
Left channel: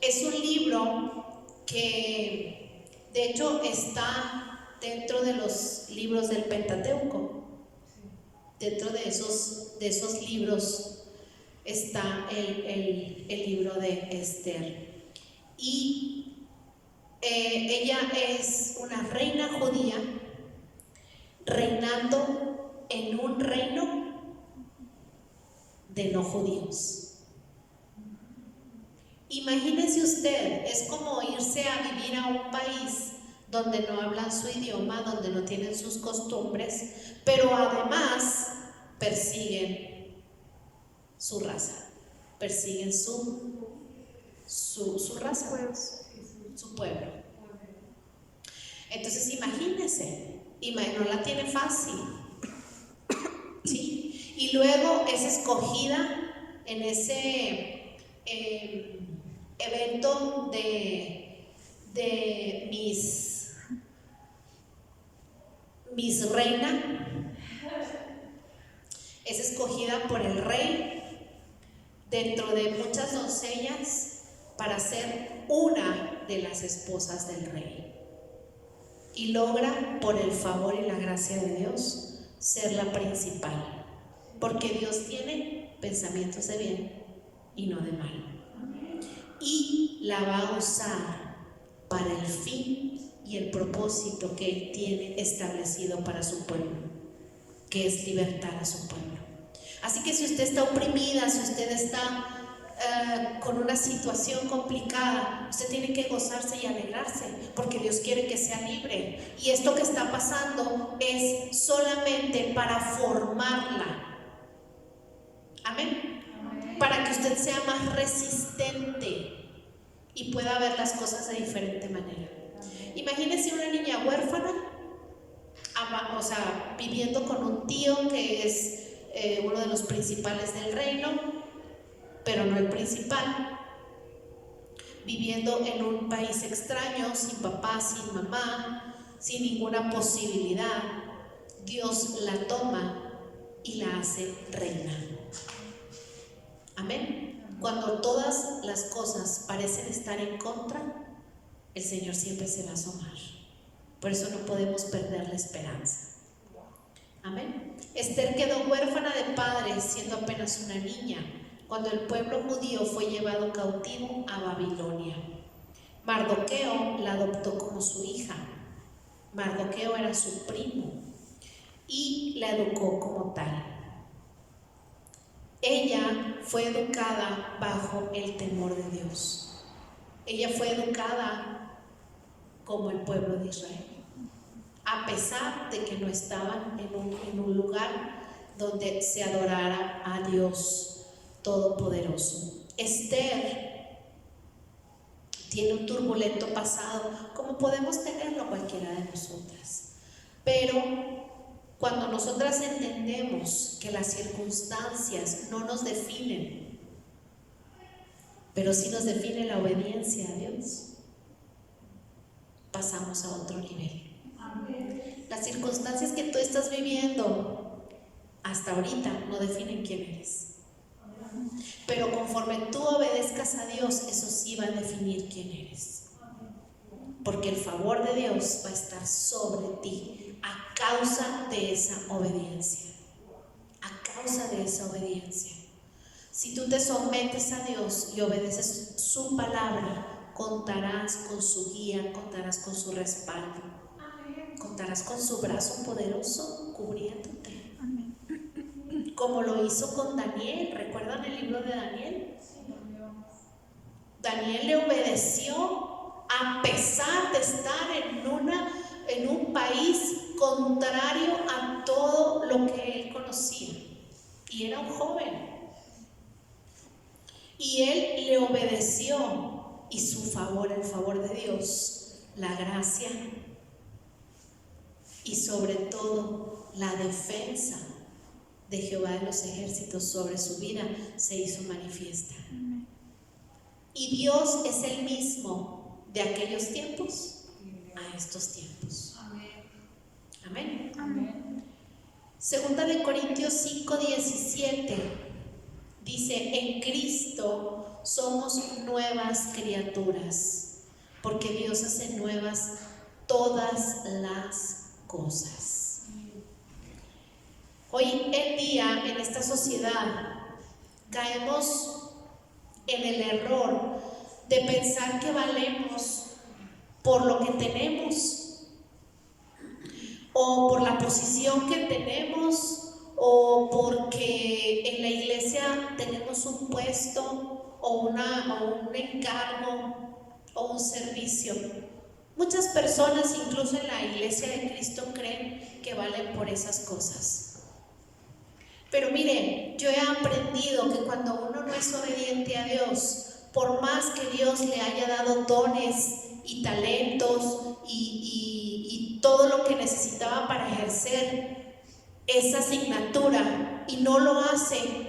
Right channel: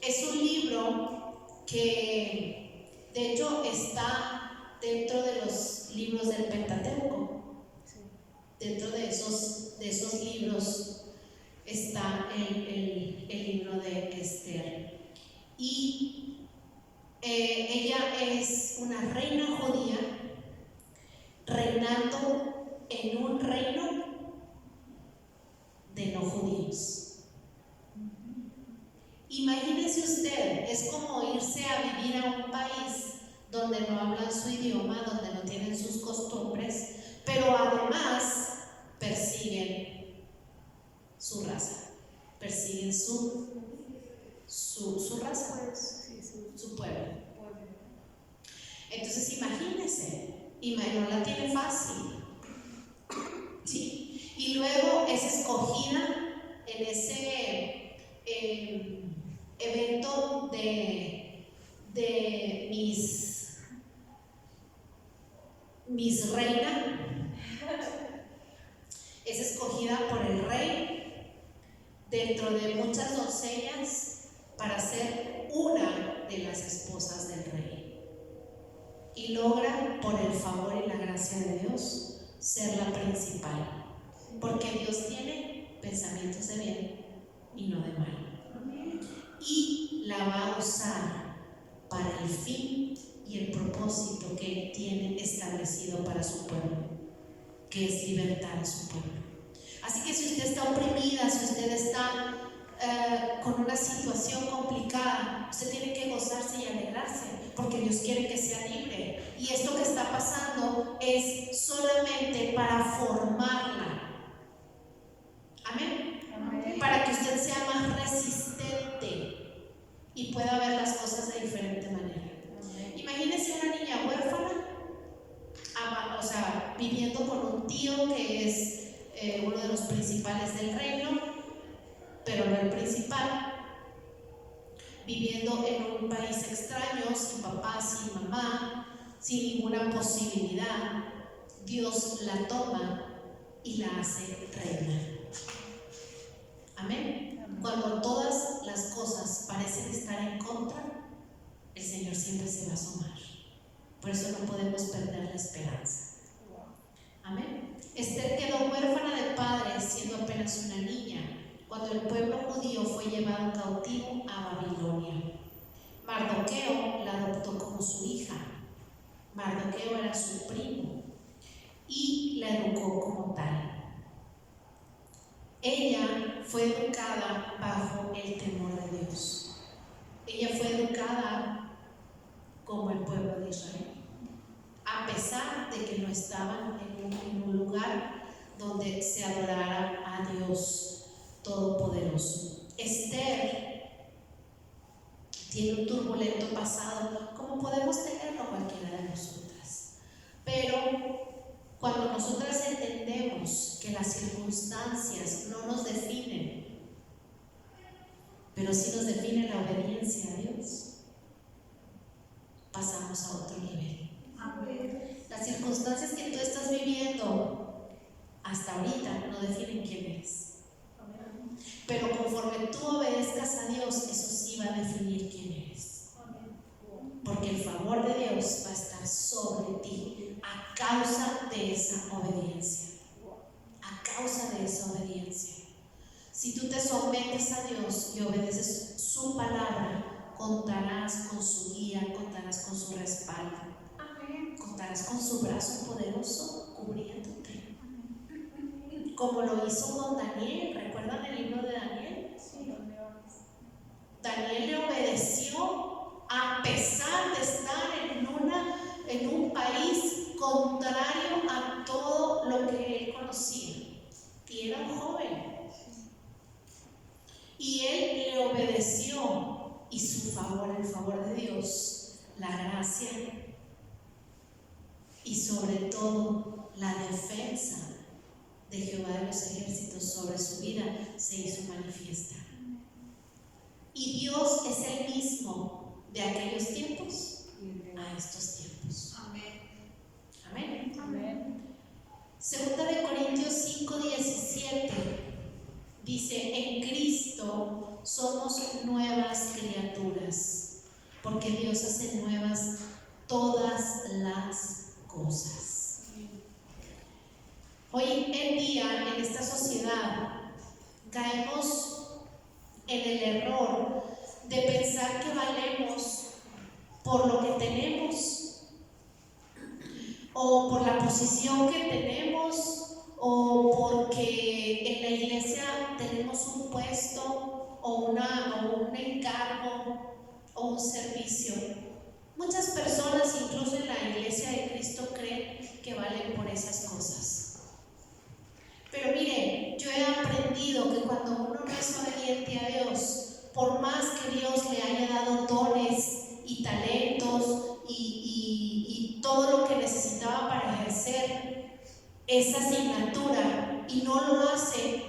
es un libro que de hecho está dentro de los libros del Pentateuco. Dentro de esos libros está el libro de Esther. Y ella es una reina judía reinando en un reino de no judíos. Imagínese usted, es como irse a vivir a un país donde no hablan su idioma, donde no tienen sus costumbres, pero además persiguen su raza, persiguen su raza, su pueblo. Entonces imagínese, no la tiene fácil, ¿sí? Y luego es escogida en ese evento de Miss Reina. Es escogida por el rey dentro de muchas doncellas para ser una de las esposas del rey. Y logra, por el favor y la gracia de Dios, ser la principal. Porque Dios tiene pensamientos de bien y no de mal. Y la va a usar para el fin y el propósito que Él tiene establecido para su pueblo, que es libertar a su pueblo. Así que si usted está oprimida, si usted está con una situación complicada, usted tiene que gozarse y alegrarse, porque Dios quiere que sea libre. Y esto que está pasando es solamente para formarla. Amén. Amén. Para que usted sea más resistente y pueda ver las cosas de diferente manera. Amén. Imagínese una niña huérfana, o sea, viviendo con un tío que es uno de los principales del reino, pero no el principal, viviendo en un país extraño, sin papá, sin mamá, sin ninguna posibilidad. Dios la toma y la hace reina. Amén. Cuando todas las cosas parecen estar en contra, el Señor siempre se va a asomar. Por eso no podemos perder la esperanza. Amén. Esther quedó huérfana de padre siendo apenas una niña, cuando el pueblo judío fue llevado cautivo a Babilonia. Mardoqueo la adoptó como su hija. Mardoqueo era su primo y la educó como tal. Ella fue educada bajo el temor de Dios. Ella fue educada como el pueblo de Israel, a pesar de que no estaban en un lugar donde se adorara a Dios Todopoderoso. Esther tiene un turbulento pasado, como podemos tenerlo cualquiera de nosotras, pero cuando nosotras entendemos que las circunstancias no nos definen, pero sí nos define la obediencia a Dios, pasamos a otro nivel. Amén. Las circunstancias que tú estás viviendo hasta ahorita no definen quién eres. Amén. Pero conforme tú obedezcas a Dios, eso sí va a definir quién eres. Amén. Porque el favor de Dios va a estar sobre ti a causa de esa obediencia. A causa de esa obediencia. Si tú te sometes a Dios y obedeces su palabra, contarás con su guía, contarás con su respaldo. Amén. Contarás con su brazo poderoso cubriéndote. Amén. Como lo hizo con Daniel. ¿Recuerdan el libro de Daniel? Sí. Daniel le obedeció a pesar de estar en un país contrario a todo lo que él conocía. Y era un joven. ofreció, y su favor, el favor de Dios, la gracia y sobre todo la defensa de Jehová de los ejércitos sobre su vida se hizo manifiesta. Y Dios es el mismo de aquellos tiempos a estos tiempos. Amén. Amén. Segunda de Corintios 5:17 dice: en Cristo somos nuevas criaturas, porque Dios hace nuevas todas las cosas. Hoy en día, en esta sociedad, caemos en el error de pensar que valemos por lo que tenemos, o por la posición que tenemos, o porque en la iglesia tenemos un puesto o un encargo o un servicio. Muchas personas, incluso en la iglesia de Cristo, creen que valen por esas cosas. Pero miren, yo he aprendido que cuando uno no es obediente a Dios, por más que Dios le haya dado dones y talentos y todo lo que necesitaba para ejercer esa asignatura, y no lo hace,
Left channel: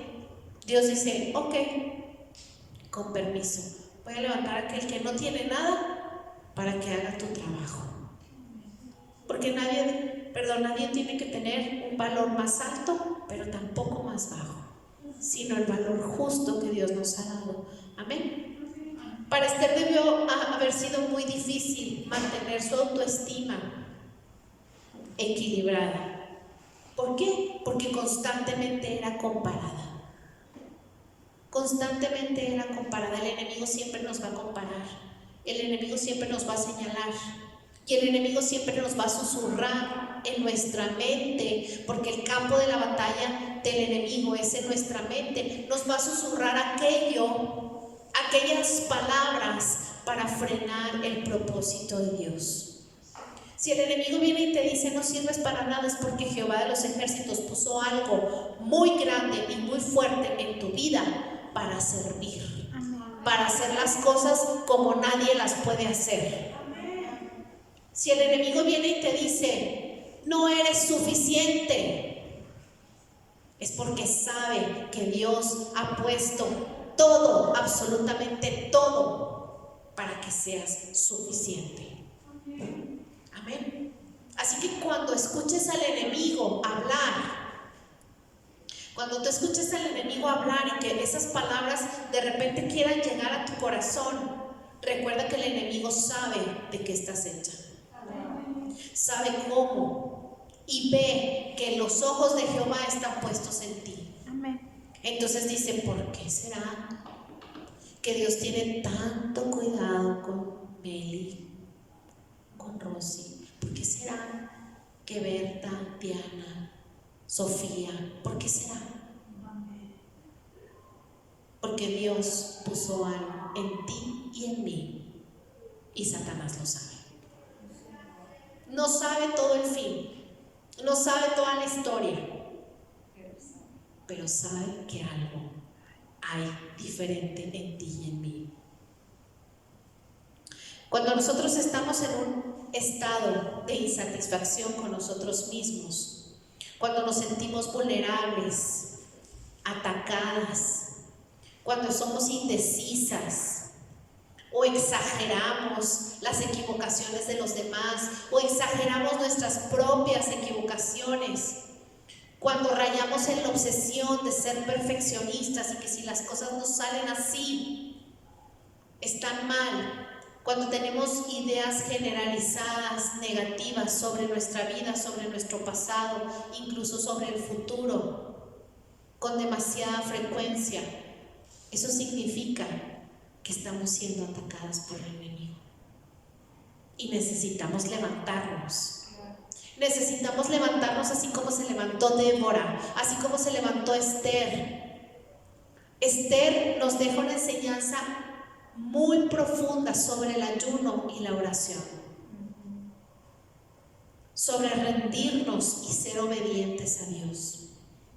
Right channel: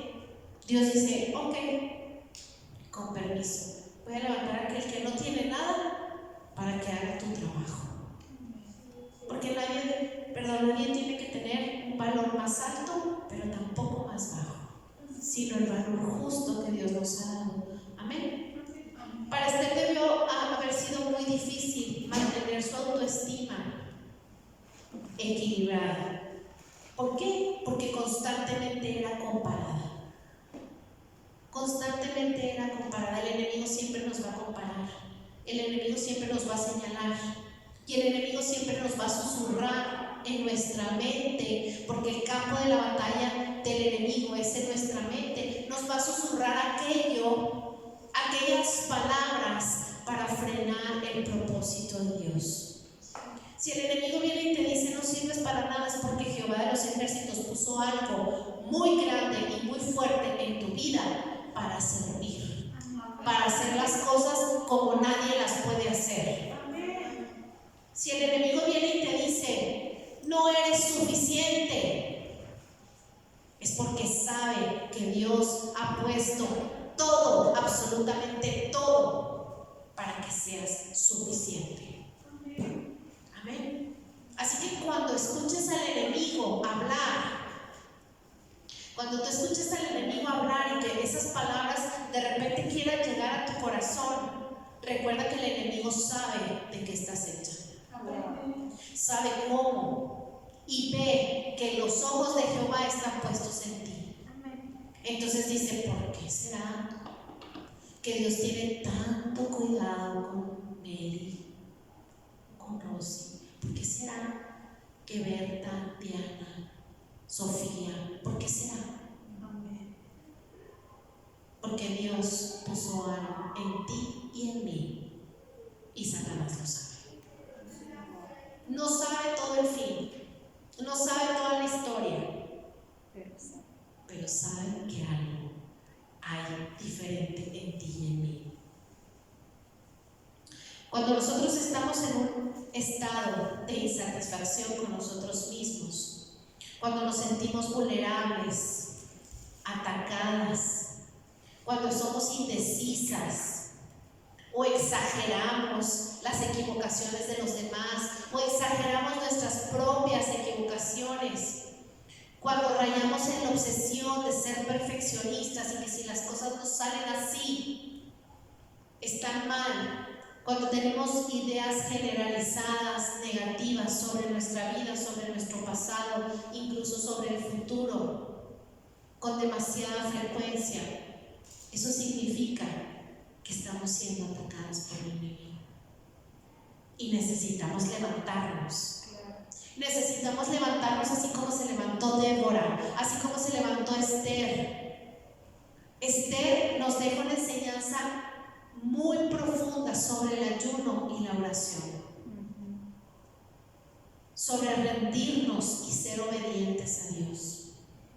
Dios dice: ok, con permiso, voy a levantar a aquel que no tiene nada para que haga tu trabajo. Porque nadie tiene que tener un valor más alto, pero tampoco más bajo, sino el valor justo que Dios nos ha dado. Amén. Para Esther debió haber sido muy difícil mantener su autoestima equilibrada. ¿Por qué? Porque constantemente era comparada. Constantemente era comparada. El enemigo siempre nos va a comparar. El enemigo siempre nos va a señalar. Y el enemigo siempre nos va a susurrar en nuestra mente, porque el campo de la batalla del enemigo es en nuestra mente. Nos va a susurrar aquellas palabras para frenar el propósito de Dios. Si el enemigo viene y te dice: no sirves para nada, es porque Jehová de los ejércitos puso algo muy grande y muy fuerte en tu vida para servir, para hacer las cosas como nadie las puede hacer. Si el enemigo viene y te dice: no eres suficiente, es porque sabe que Dios ha puesto todo, absolutamente todo, para que seas suficiente. Amén. Así que cuando escuches al enemigo hablar, cuando tú escuches al enemigo hablar y que esas palabras de repente quieran llegar a tu corazón, recuerda que el enemigo sabe de qué estás hecha. Sabe cómo, y ve que los ojos de Jehová están puestos en ti. Entonces dice: ¿por qué será que Dios tiene tanto cuidado con Meli, con Rosy? ¿Por qué será que Berta, Diana, Sofía, por qué será? Porque Dios puso algo en ti y en mí, y Satanás lo sabe. No sabe todo el fin, no sabe toda la historia, pero sabe que algo hay diferente en ti y en mí. Cuando nosotros estamos en un estado de insatisfacción con nosotros mismos, cuando nos sentimos vulnerables, atacadas, cuando somos indecisas, o exageramos las equivocaciones de los demás, o exageramos nuestras propias equivocaciones, cuando rayamos en la obsesión de ser perfeccionistas y que si las cosas no salen así, están mal, cuando tenemos ideas generalizadas negativas sobre nuestra vida, sobre nuestro pasado, incluso sobre el futuro, con demasiada frecuencia, eso significa que estamos siendo atacadas por el enemigo. Y necesitamos levantarnos. Necesitamos levantarnos así como se levantó Débora, así como se levantó Esther. Esther nos deja una enseñanza muy profunda sobre el ayuno y la oración, sobre rendirnos y ser obedientes a Dios.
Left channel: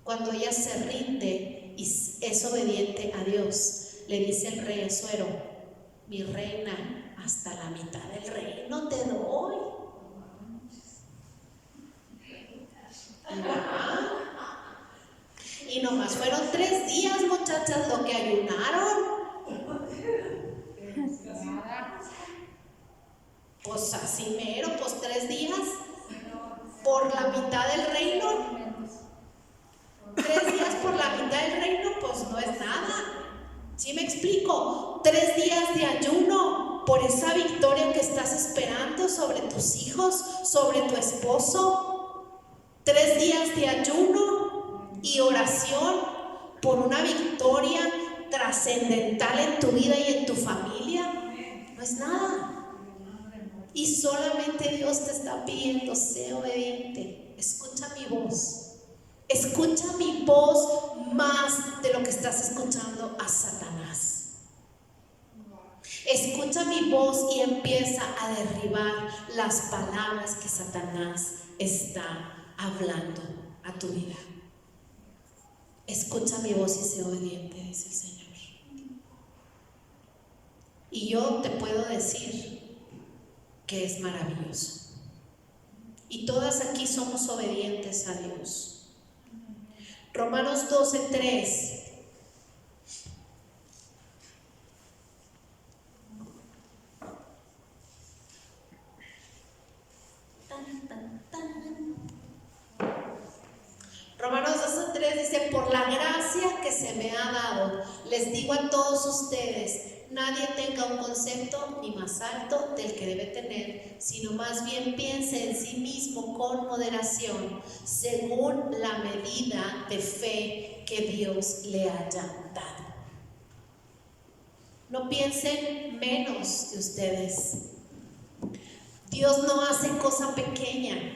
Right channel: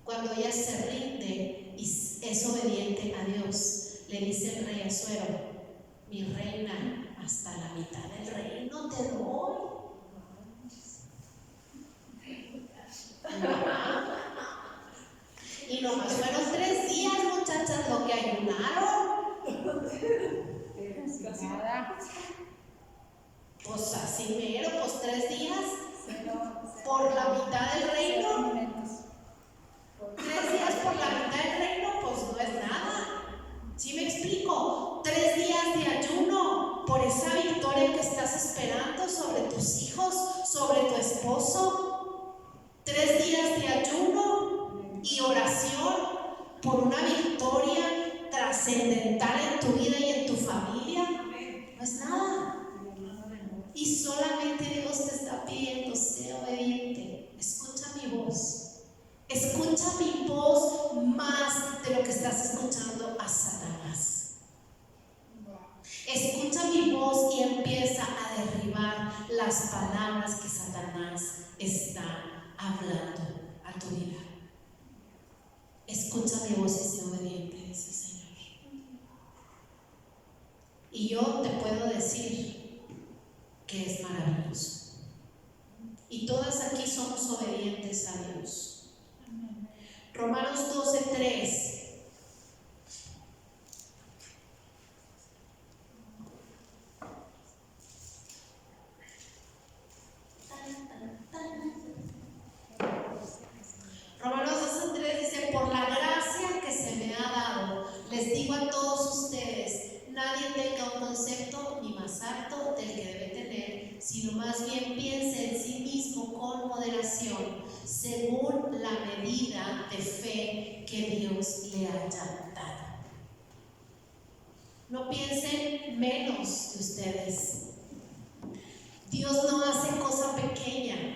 Cuando ella se rinde y es obediente a Dios, le dice el rey Asuero: mi reina, hasta la mitad del reino te doy. Y nomás fueron 3 días, muchachas, lo que ayunaron. Pues así mero, pues 3 días por la mitad del reino. 3 días por la mitad del reino, pues no es nada. ¿Sí me explico? 3 días de ayuno por esa victoria que estás esperando sobre tus hijos, sobre tu esposo. 3 días de ayuno y oración por una victoria trascendental en tu vida y en tu familia. No es nada. Y solamente Dios te está pidiendo: sé obediente, escucha mi voz. Escucha mi voz más de lo que estás escuchando a Satanás. Escucha mi voz y empieza a derribar las palabras que Satanás está hablando a tu vida. Escucha mi voz y sé obediente, dice el Señor. Y yo te puedo decir que es maravilloso. Y todas aquí somos obedientes a Dios. Romanos 12:3. Romanos 12:3 dice: por la gracia que se me ha dado, les digo a todos ustedes, nadie tenga un concepto ni más alto del que debe tener, sino más bien piense en sí mismo con moderación, según la medida de fe que Dios le haya dado. No piensen menos de ustedes. Dios no hace cosa pequeña.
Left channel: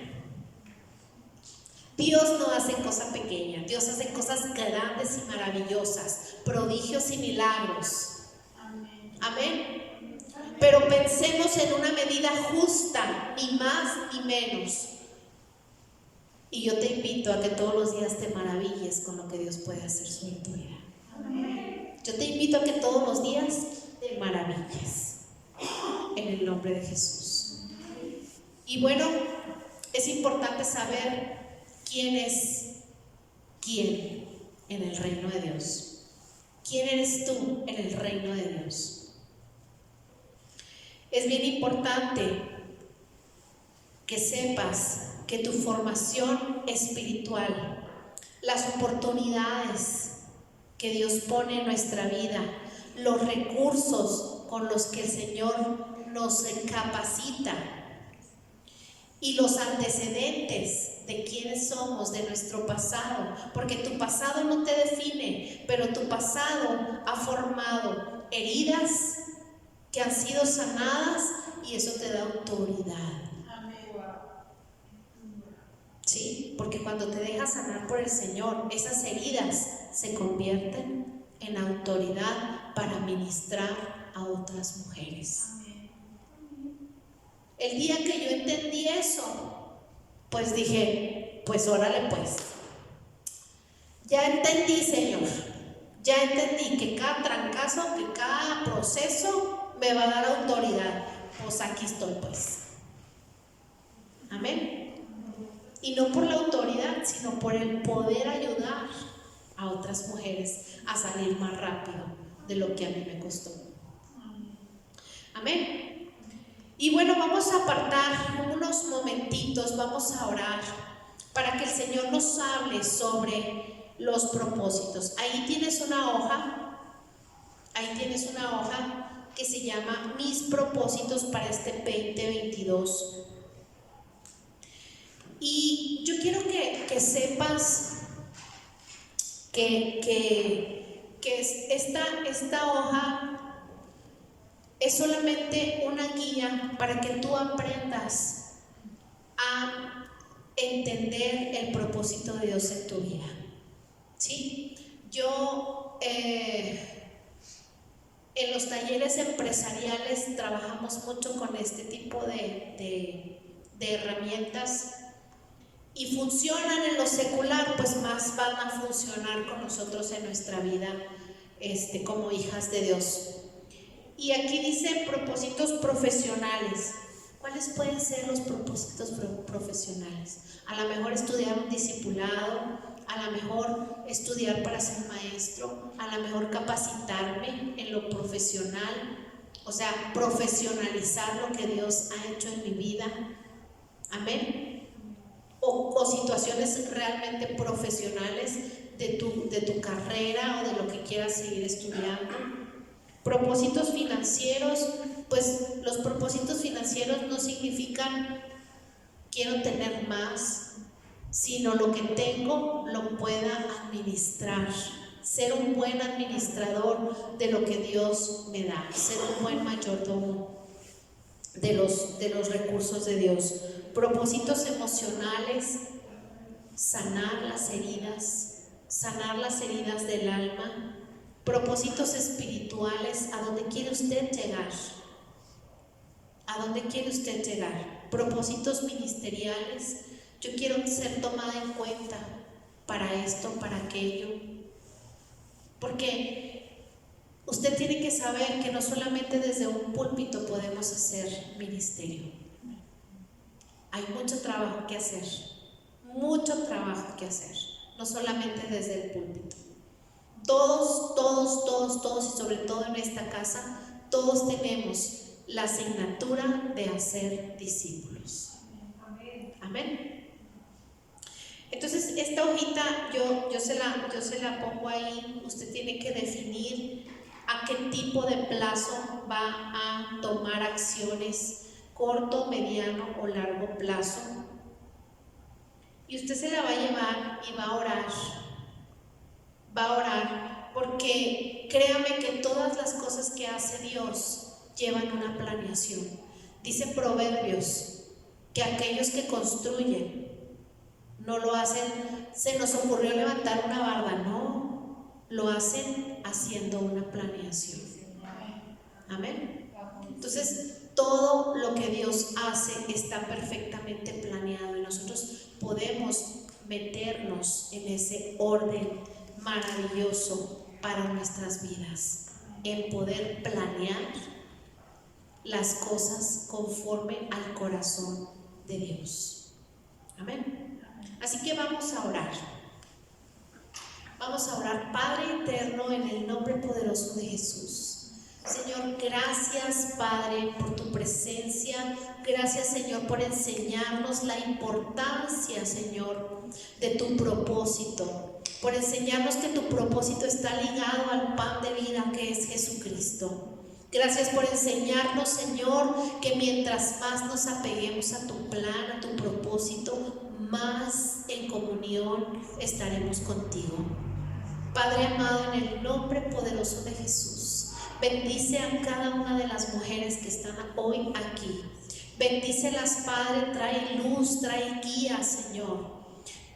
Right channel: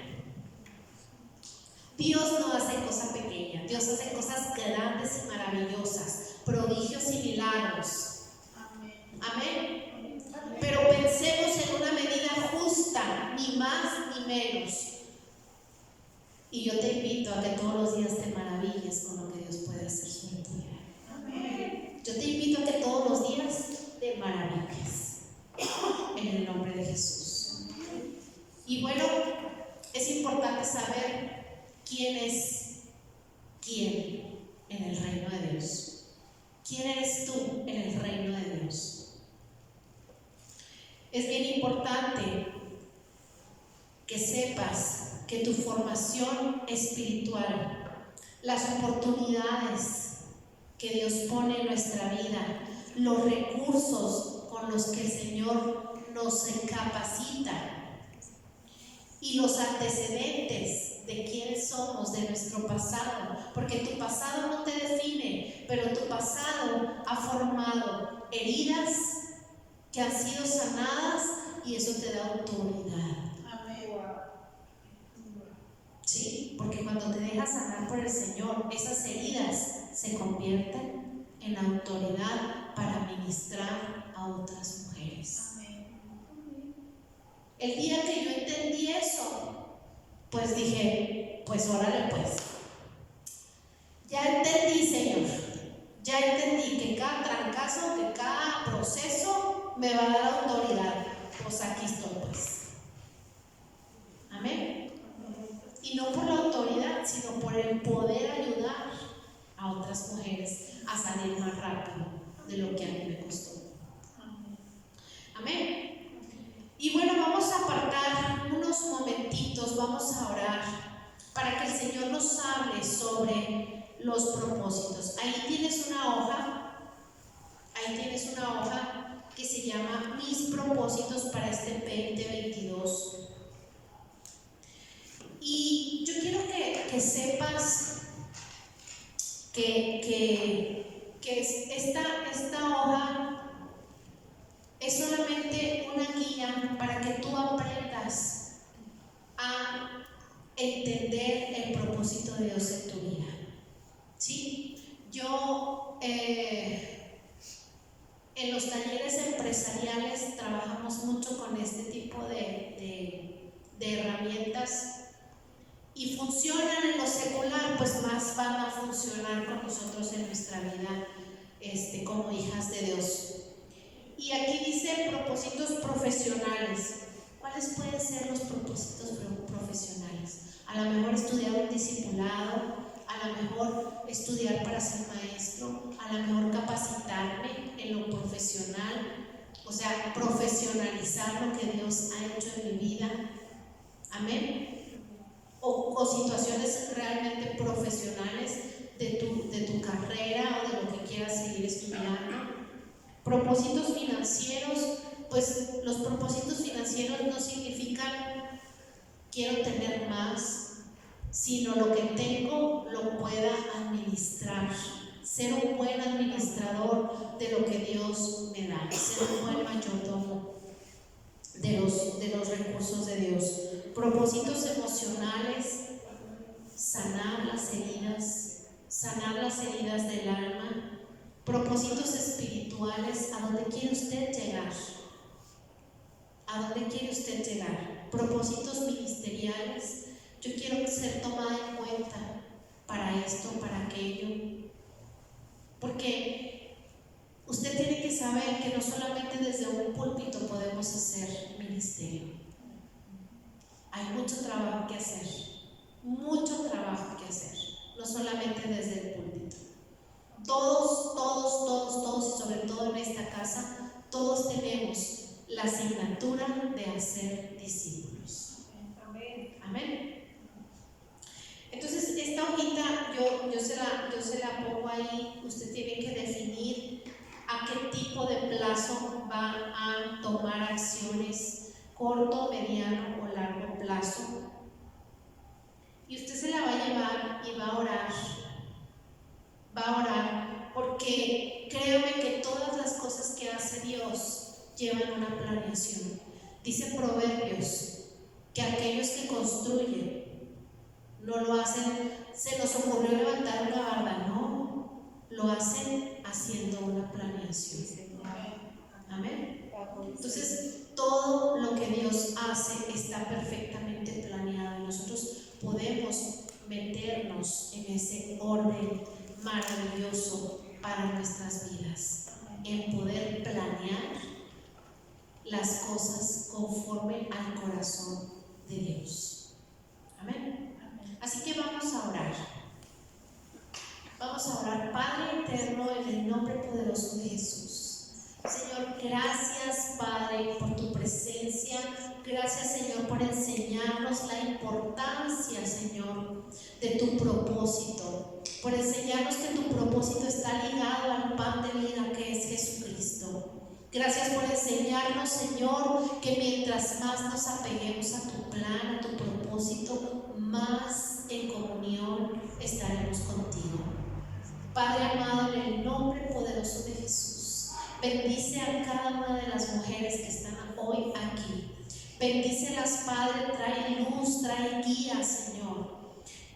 Dios no hace cosa pequeña. Dios hace cosas grandes y maravillosas, prodigios y milagros. Amén. Pero pensemos en una medida justa, ni más ni menos. Y yo te invito a que todos los días te maravilles con lo que Dios puede hacer sobre tu vida. Yo te invito a que todos los días te maravilles en el nombre de Jesús. Y bueno, es importante saber quién es quién en el reino de Dios. ¿Quién eres tú en el reino de Dios? Es bien importante que sepas que tu formación espiritual, las oportunidades que Dios pone en nuestra vida, los recursos con los que el Señor nos capacita y los antecedentes de quiénes somos, de nuestro pasado, porque tu pasado no te define, pero tu pasado ha formado heridas que han sido sanadas y eso te da autoridad. Sí, porque cuando te dejas sanar por el Señor, esas heridas se convierten en autoridad para ministrar a otras mujeres. El día que yo entendí eso, pues dije, pues órale pues. Ya entendí, Señor. Ya entendí que cada trancazo, que cada proceso me va a dar autoridad. Pues aquí estoy pues. Amén. Y no por la autoridad, sino por el poder ayudar a otras mujeres a salir más rápido de lo que a mí me costó. Amén. Y bueno, vamos a apartar unos momentitos, vamos a orar para que el Señor nos hable sobre los propósitos. Ahí tienes una hoja que se llama Mis propósitos para este 2022. Y yo quiero que sepas que esta hoja es solamente una guía para que tú aprendas a entender el propósito de Dios en tu vida. ¿Sí? Yo en los talleres empresariales trabajamos mucho con este tipo de herramientas. Y funcionan en lo secular, pues más van a funcionar con nosotros en nuestra vida como hijas de Dios. Y aquí dice propósitos profesionales. ¿Cuáles pueden ser los propósitos profesionales? A lo mejor estudiar un discipulado, a lo mejor estudiar para ser maestro, a lo mejor capacitarme en lo profesional, o sea, profesionalizar lo que Dios ha hecho en mi vida. Amén. O situaciones realmente profesionales de tu carrera o de lo que quieras seguir estudiando. Propósitos financieros, pues los propósitos financieros no significan quiero tener más, sino lo que tengo lo pueda administrar, ser un buen administrador de lo que Dios me da, ser un buen mayordomo de los recursos de Dios. Propósitos emocionales, sanar las heridas del alma. Propósitos espirituales, ¿a dónde quiere usted llegar? ¿A dónde quiere usted llegar? Propósitos ministeriales, yo quiero ser tomada en cuenta para esto, para aquello. Porque usted tiene que saber que no solamente desde un púlpito podemos hacer ministerio. Hay mucho trabajo que hacer, no solamente desde el púlpito. Todos, y sobre todo en esta casa, todos tenemos la asignatura de hacer discípulos. Amén. Entonces, esta hojita yo se la pongo ahí. Usted tiene que definir a qué tipo de plazo va a tomar acciones, corto, mediano o largo plazo. Y usted se la va a llevar y va a orar. Porque créame que todas las cosas que hace Dios llevan una planeación. Dice Proverbios que aquellos que construyen no lo hacen, se nos ocurrió levantar una barda, no, lo hacen haciendo una planeación. Amén. Entonces, todo lo que Dios hace está perfectamente planeado y nosotros podemos meternos en ese orden maravilloso para nuestras vidas, en poder planear las cosas conforme al corazón de Dios. Amén. Así que vamos a orar. Vamos a orar. Padre eterno, en el nombre poderoso de Jesús. Señor, gracias Padre por tu presencia. Gracias Señor por enseñarnos la importancia, Señor, de tu propósito, por enseñarnos que tu propósito está ligado al pan de vida que es Jesucristo. Gracias por enseñarnos, Señor, que mientras más nos apeguemos a tu plan, a tu propósito, más en comunión estaremos contigo. Padre amado, en el nombre poderoso de Jesús, bendice a cada una de las mujeres que están hoy aquí. Bendícelas, Padre, trae luz, trae guía, Señor.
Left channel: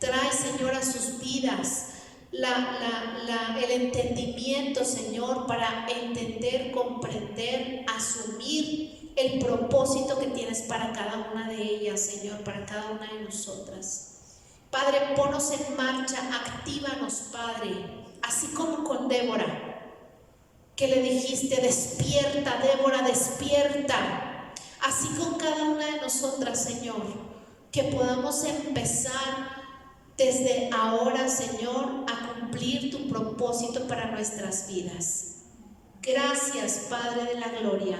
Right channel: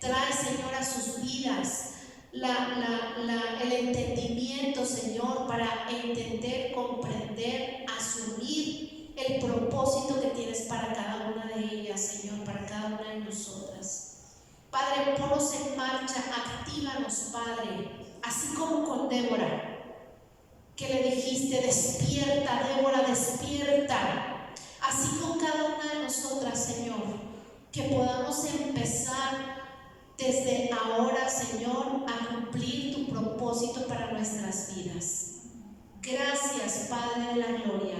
Trae, Señor, a sus vidas el entendimiento, Señor, para entender, comprender, asumir el propósito que tienes para cada una de ellas, Señor, para cada una de nosotras. Padre, ponnos en marcha, actívanos, Padre, así como con Débora, que le dijiste, despierta, Débora, despierta. Así con cada una de nosotras, Señor, que podamos empezar desde ahora, Señor, a cumplir tu propósito para nuestras vidas. Gracias, Padre de la gloria,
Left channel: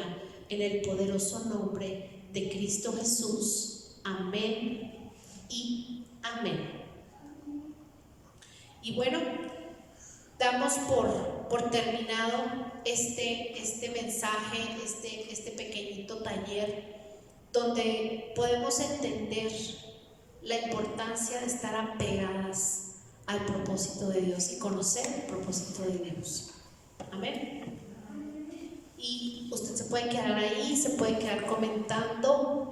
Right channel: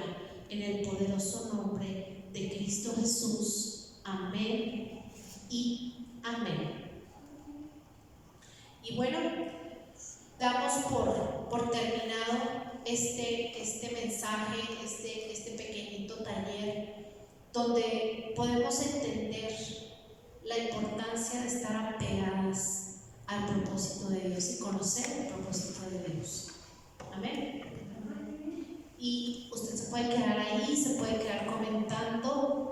en el poderoso nombre de Cristo Jesús. Amén y amén. Y bueno, damos por terminado este mensaje, este pequeñito taller, donde podemos entender la importancia de estar apegadas al propósito de Dios y conocer el propósito de Dios. Amén. Y usted se puede quedar ahí, se puede quedar comentando.